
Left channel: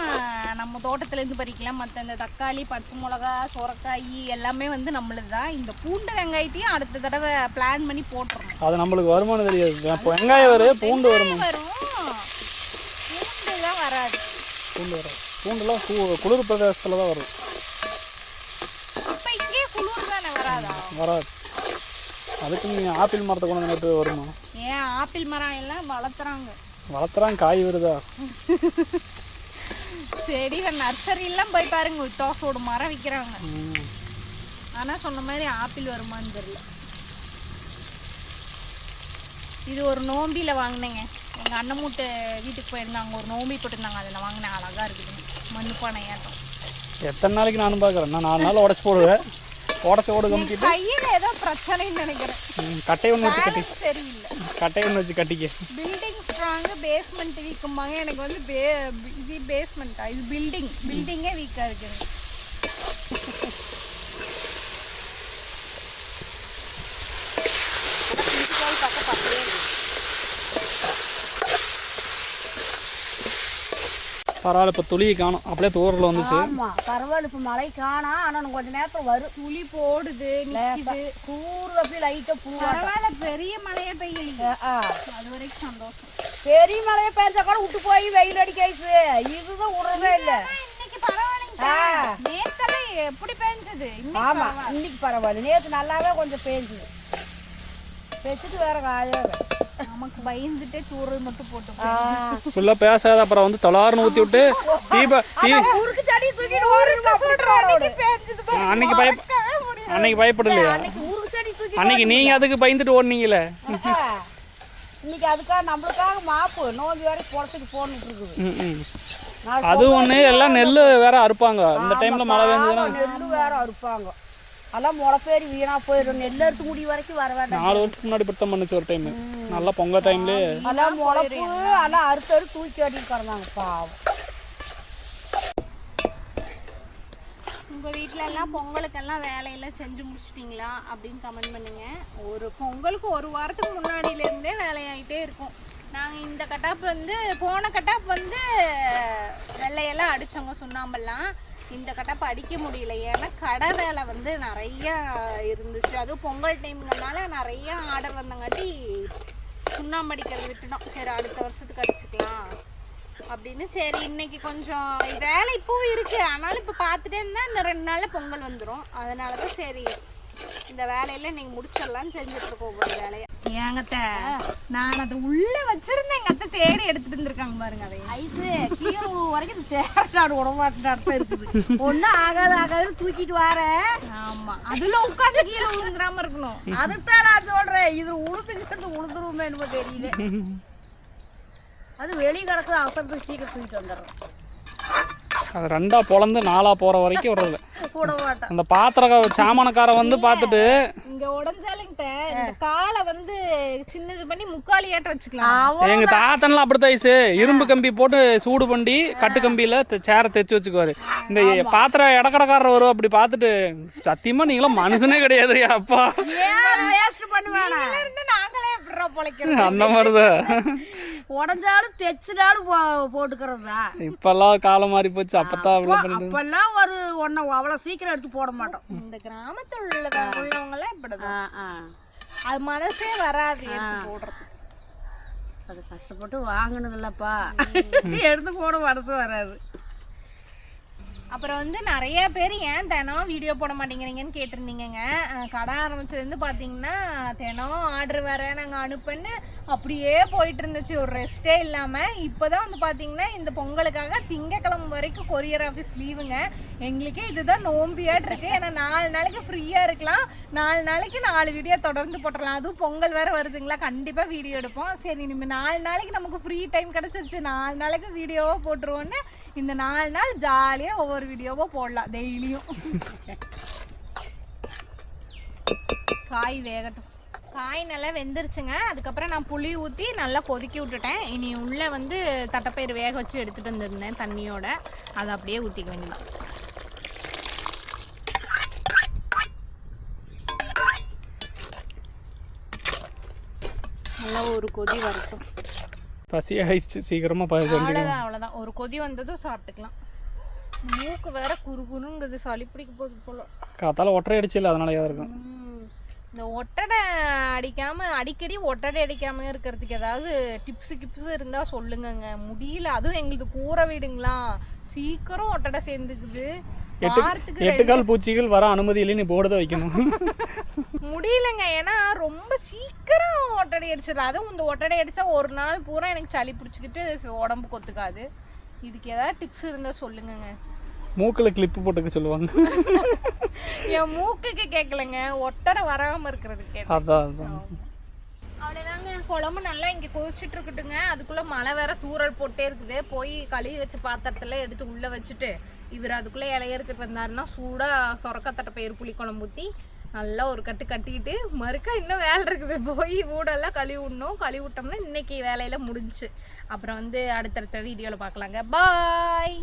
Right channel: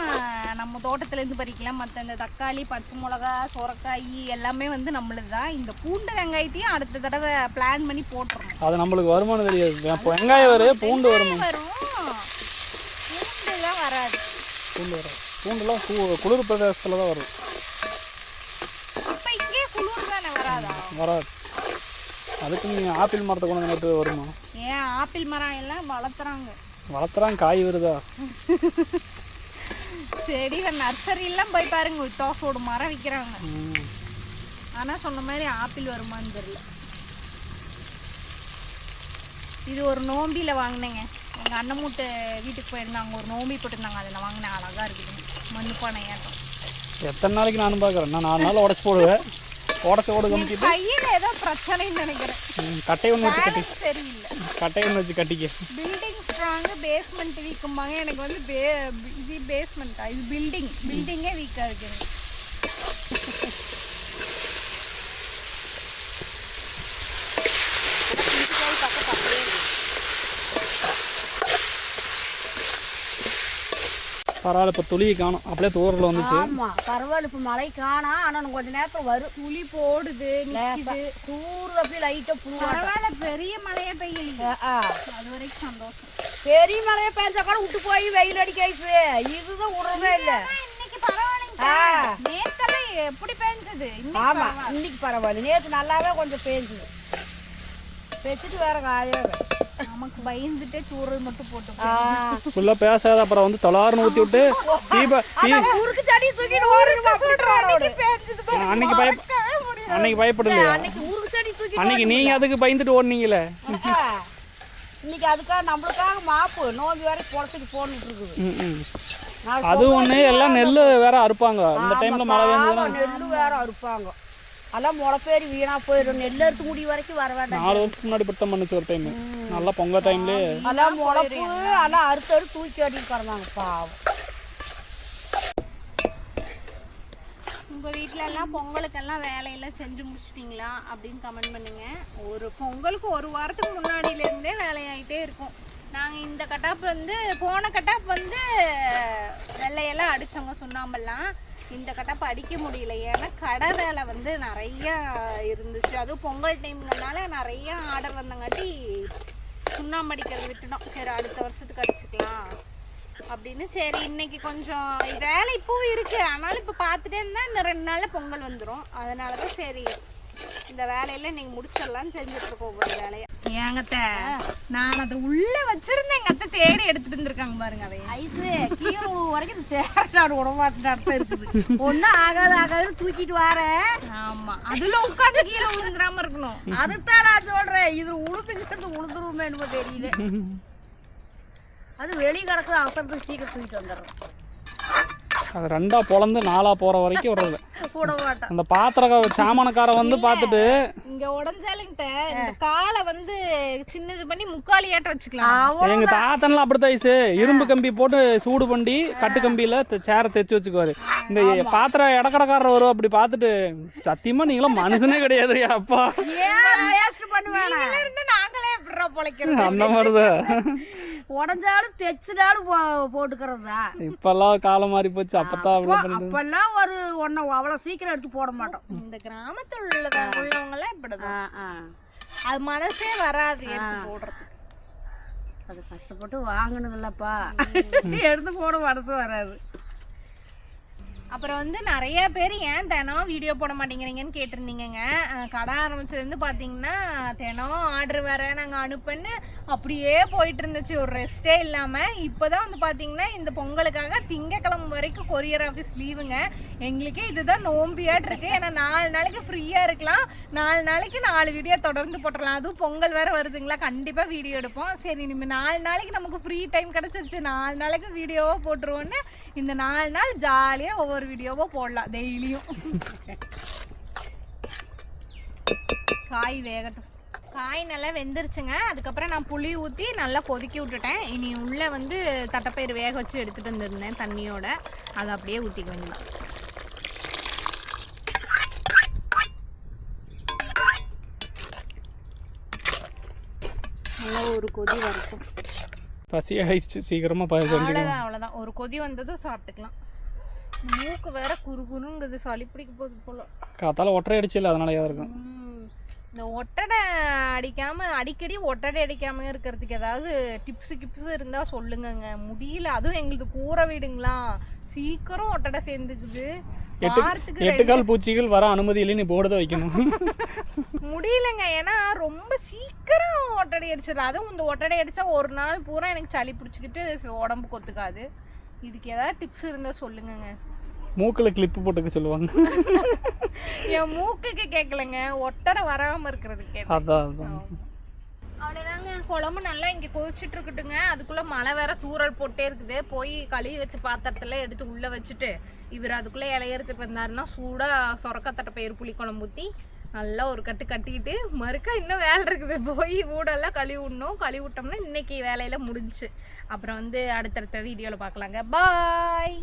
நம்ம தோட்டத்துலேருந்து பறிக்கலாம். மற்ற இந்த தக்காளி, பச்சை மிளகா, சுரக்காய் எல்லாமே வந்து நம்மளுது தான். இந்த பூண்டு வெங்காயத்தையும் அடுத்த தடவை பிளான் பண்ணி போட்டுறோம். அது நம்மளுக்கு வருமானம் தெரியாது. வெங்காயம் வரும், பூண்டு வரும். பூண்டு தான் வராது. பூண்டு வராது. பூண்டுலாம் குளிர் பிரதேசத்தில் தான் வரும். இப்போ இங்கே குளிர் தானே வராதா? வராது. அதுக்கு நீங்கள் ஆப்பிள் மரத்தை கொண்டு நட்டு வருமா? ஏன் ஆப்பிள் மரம் எல்லாம் வளர்த்துறாங்க, காய் வருதா? செடி நர்சரிலாம் போய் பாருங்க, தோசோட மரம் விற்கிறாங்க. ஆனால் சொன்ன மாதிரி ஆப்பிள் வருமானு தெரியல. இது ஒரு நோம்பியில் வாங்கினேங்க. எங்கள் அண்ணன் மூட்டை வீட்டுக்கு போயிருந்தாங்க, ஒரு நோம்பி போட்டிருந்தாங்க, அதில் வாங்கினேன். அழகாக இருக்குது, மண் பானையாட்டம். எத்தனை நாளைக்கு நானும் பார்க்குறேன். நான் 4 நாள் உடச்சி போடுவேன். உடச்சி ஓடு கம்பிட்டு கையில் ஏதோ பிரச்சனைன்னு நினைக்கிறேன். கட்டை ஒன்று வச்சு கட்டி, சரியில்லை, கட்டை ஒன்று வச்சு கட்டிக்க. பில்டிங் ஸ்ட்ராங்கு, பேஸ்மெண்ட் வீக்கும்பாங்க. எனக்கு வந்து இது பேஸ்மெண்ட்டா, இது பில்டிங்கே வீக்காக இருக்குது. பரவாயில்ல, இப்போ துளி காணும், அப்படியே தூரில் வந்துச்சு. ஆமா பரவாயில்ல, இப்ப மழை காணோம். ஆனா கொஞ்ச நேரத்துல வரும். துளி போடுது நிக்குது. தூர் அப்படியே லைட்டா புழு. பரவாயில்ல, பெரிய மழையே பெய்யலையே, அது வரைக்கும் சந்தோஷம். பெரிய மழையை பெஞ்சா கூட விட்டு போய் வெயில் அடிக்காயிச்சு. இதுதான் விடுறதே இல்ல. இன்னைக்கு பரவாயில்லைங்க. நேத்தெல்லாம் எப்படி பெஞ்சது? ஆமா இன்னைக்கு பரவாயில்ல. நேத்து நல்லாவே கொஞ்சம் பெஞ்சுது. பெச்சுட்டு வேற காயாது. நமக்கு பயந்துட்டே தூரல் மட்டும் போட்டு ஃபுல்லா பேசாத, அப்புறம் வந்து தொலாறுன்னு ஊத்தி விட்டு ஊருக்கு செடி தூக்கிட்டு அன்னைக்கு பயப்படலையா? ஊருக்கு செடி தூக்கி அன்னைக்கு நீங்க அதுக்கு பயந்துட்டு ஓடுனீங்களே. இன்னைக்கு அதுக்காக நம்மளுக்காக மாப்பு நோம்பி வேற குளத்துக்கு போட்டுட்டு இருக்குது. அது ஒண்ணு. எல்லாம் நெல்லு வேற அறுப்பாங்க இந்த டைம்ல, மழை பெஞ்சதுன்னா நெல்லு வேற அறுப்பாங்க. அதெல்லாம் முளைப்பேரி வீணா போயிடும். நெல் அறுத்து முடி வரைக்கும் வர வேண்டாம். 4 வருஷத்துக்கு முன்னாடி பிடித்தம் பண்ணுச்சு ஒரு டைம், நல்லா பொங்கல் டைம்ல. அதெல்லாம் முளைப்பு அதெல்லாம் அறுத்து தூக்கி அடிட்டு கிடந்தாங்க பாவம். உங்க வீட்ல எல்லாம் பொங்கலுக்கெல்லாம் வேலையெல்லாம் செஞ்சு முடிச்சிட்டீங்களா அப்படின்னு கமெண்ட் பண்ணுங்க. ஒரு பொங்கலுக்கு ஒரு வாரத்துக்கு முன்னாடியில இருந்தே வேலையாயிட்டே இருக்கும். நாங்கள் இந்த கட்டாப்பு வந்து போன கட்டாப்பு வந்து வெள்ளையெல்லாம் அடித்தோங்க சுண்ணாம்பெல்லாம். இந்த கட்டாப்பு அடிக்க முடியல, ஏன்னா கடை வேலை வந்து நிறையா இருந்துச்சு. அதுவும் பொங்கல் டைம்ங்கிறதுனால நிறையா ஆர்டர் வந்தங்காட்டி சுண்ணாம்பு அடிக்கிறது விட்டுட்டோம். சரி அடுத்த வருஷத்துக்கு அடிச்சுக்கலாம் அப்படின்னு. சரி இன்னைக்கு கொஞ்சம் வேலை இப்போவும் இருக்குது, ஆனாலும் இப்போ பார்த்துட்டே இருந்தால் இன்னும் 2 நாளில் பொங்கல் வந்துடும். அதனால தான் சரி இந்த வேலையில நீங்க முடிச்சிடலாம் செஞ்சுட்டு இருக்கோம் ஒவ்வொரு வேலையை. ஏங்கத்த நான் அதை உள்ள வச்சிருந்தேன், எங்க அத்தை தேடி எடுத்துட்டு இருந்திருக்காங்க பாருங்க. அதை ஐஸு கீழே வரைக்கும் இந்த சேராடு உடம்பாட்டு அர்த்தம் இருக்குது. ஒன்றும் ஆகாதுன்னு தூக்கிட்டு வரேன். ஆமா அதுல உட்காந்து கீழே விழுந்துடாம இருக்கணும். அதுதான் நான் சொல்றேன். இது உளுந்துக்கிட்டு உளுந்துருவோமே என்னமோ தெரியல. அது வெளியே கிடக்குது, அவசரத்துக்கு சீக்கிரம் தூக்கிட்டு வந்துடுறோம். அது 2ஆ பொளந்து 4ஆ போற வரைக்கும் விடுறது. கூட மாட்டேன். அந்த பாத்திர சாமானக்கார வந்து பார்த்துட்டு இங்க உடஞ்சாலுங்க இந்த காலை வந்து சின்னது பண்ணி முக்காலியாட்ட வச்சுக்கலாம். எங்க தாத்தன்லாம் அப்படித்தான் ஐசு இரும்பு கம்பி போட்டு சூடு பண்ணி கட்டு கம்பியில சேரை தைச்சு வச்சுக்குவாரு. இந்த பாத்திர இடக்கடைக்காரர் வரும், அப்படி பார்த்துட்டு சத்தியமா நீங்களும் மனுஷனே கிடையாது அப்பா நாங்களே எப்படிடா பொழைக்கிறோம் அந்த மாதிரிதான். உடஞ்சாலும் தைச்சினாலும் போட்டுக்கிறதா. இப்பெல்லாம் காலம் மாறி போச்சு. அப்பெல்லாம் ஒரு ஒன்ன அவ்வளவு சீக்கிரம் எடுத்து போட மாட்டோம். இந்த கிராமத்துல உள்ளவங்க எல்லாம் இப்படிதான், அது மனசே வராது எடுத்து போடுறது. அது கஷ்டப்பட்டு வாங்கினதில்லப்பா, எடுத்து போட மனசு வராது. அப்புறம் வந்து நிறைய பேர் ஏன் தினம் வீடியோ போட மாட்டேங்கிறீங்கன்னு கேட்டிருந்தீங்க. கடை ஆரம்பிச்சதுலேருந்து பார்த்தீங்கன்னா தினம் ஆர்டர் வேற நாங்கள் அனுப்புன்னு அப்படியே போயிட்டு இருந்துச்சு, ஒரு ரெஸ்ட்டே இல்லாமல். இப்போ தான் வந்து பார்த்தீங்கன்னா இந்த பொங்கலுக்காக திங்கக்கிழமை வரைக்கும் கொரியர் ஆஃபீஸ் லீவுங்க. எங்களுக்கே இதுதான் நோம்பியாட்டு இருக்குது. ஏன்னா 4 நாளைக்கு ஃப்ரீயாக இருக்கலாம், 4 நாளைக்கு 4 வீடியோ தொடர்ந்து போட்டுடலாம். அதுவும் பொங்கல் வேறு வருதுங்களா, கண்டிப்பாக வீடியோ எடுப்போம். சரி இனிமேல் 4 நாளைக்கு நமக்கு ஃப்ரீ டைம் கிடச்சிருச்சு, 4 நாளைக்கு வீடியோவாக போட்டுருவோன்னு இந்த 4 நாள் ஜாலியாக ஒவ்வொரு வீடியோவோ போடலாம் டெய்லியும். காய் வேகட்டும். காய் நல்லா வெந்துருச்சுங்க. அதுக்கப்புறம் நான் புளி ஊற்றி நல்லா கொதிக்கி விட்டுட்டேன். இனி உள்ளே வந்து தட்டைப்பயிறு வேக வச்சு எடுத்துகிட்டு வந்துருந்தேன் தண்ணியோட, அதை அப்படியே ஊற்றிக்க வேண்டியதான். நல்லா ஒரு கொதி வரட்டும். பசி ஆயிடுச்சு சீக்கிரமா. அவ்வளோதான் ஒரு கொதி வந்ததும் சாப்பிட்டுக்கலாம். மூக்கு வேற குறுகுறுங்குது, சளி பிடிக்க போகுது போல. காத்தால ஒற்றை அடிச்சு இல்லை, அதனாலயா இருக்கும். இந்த ஒட்டடை அடிக்காம அடிக்கடி ஒட்டடை அடிக்காம இருக்கிறதுக்கு ஏதாவது டிப்ஸ் இருந்தா சொல்லுங்கங்க. முடியல, அதுவும் எங்களுக்கு கூரை வீடுங்களா, சீக்கிரம் ஒட்டடை சேர்ந்துக்குது. 8 கால் பூச்சிகள் வர அனுமதி இல்லைன்னு போர்டு தான் வைக்கணும். முடியலங்க, ஏன்னா ரொம்ப சீக்கிரம் ஒட்டடை அடிச்சிடலாம். அதுவும் இந்த ஒட்டடை அடிச்சா ஒரு நாள் பூரா எனக்கு சளி பிடிச்சிக்கிட்டு உடம்பு கொத்துக்காது. இதுக்கு ஏதாவது டிப்ஸ் இருந்தா சொல்லுங்கங்க. மூக்குல கிளிப்பு போட்டுக்க சொல்லுவாங்க. என் மூக்குக்கு கேட்கலங்க, ஒட்டடை வராம இருக்கிறதுக்கு. அவ்வளோதாங்க, குழம்பு நல்லா இங்கே கொதிச்சுட்டு இருக்கட்டுங்க. அதுக்குள்ளே மழை வேற தூரல் போட்டே இருக்குது. போய் கழுவி வச்ச பாத்திரத்தில் எடுத்து உள்ளே வச்சுட்டு இவர் அதுக்குள்ளே இலைய எடுத்துட்டு வந்தாருன்னா சூடாக சொரக்காத்தட்டை பயிர் புளி குழம்பு ஊற்றி நல்லா ஒரு கட்டிக்கிட்டு மறுக்கா இன்னும் வேலை இருக்குது. போய் வீடெல்லாம் கழுவி விடணும். கழுவி விட்டோம்னா இன்னைக்கு வேலையில் முடிஞ்சிச்சு. அப்புறம் வந்து அடுத்தடுத்த வீடியோவில் பார்க்கலாங்க. பாய்.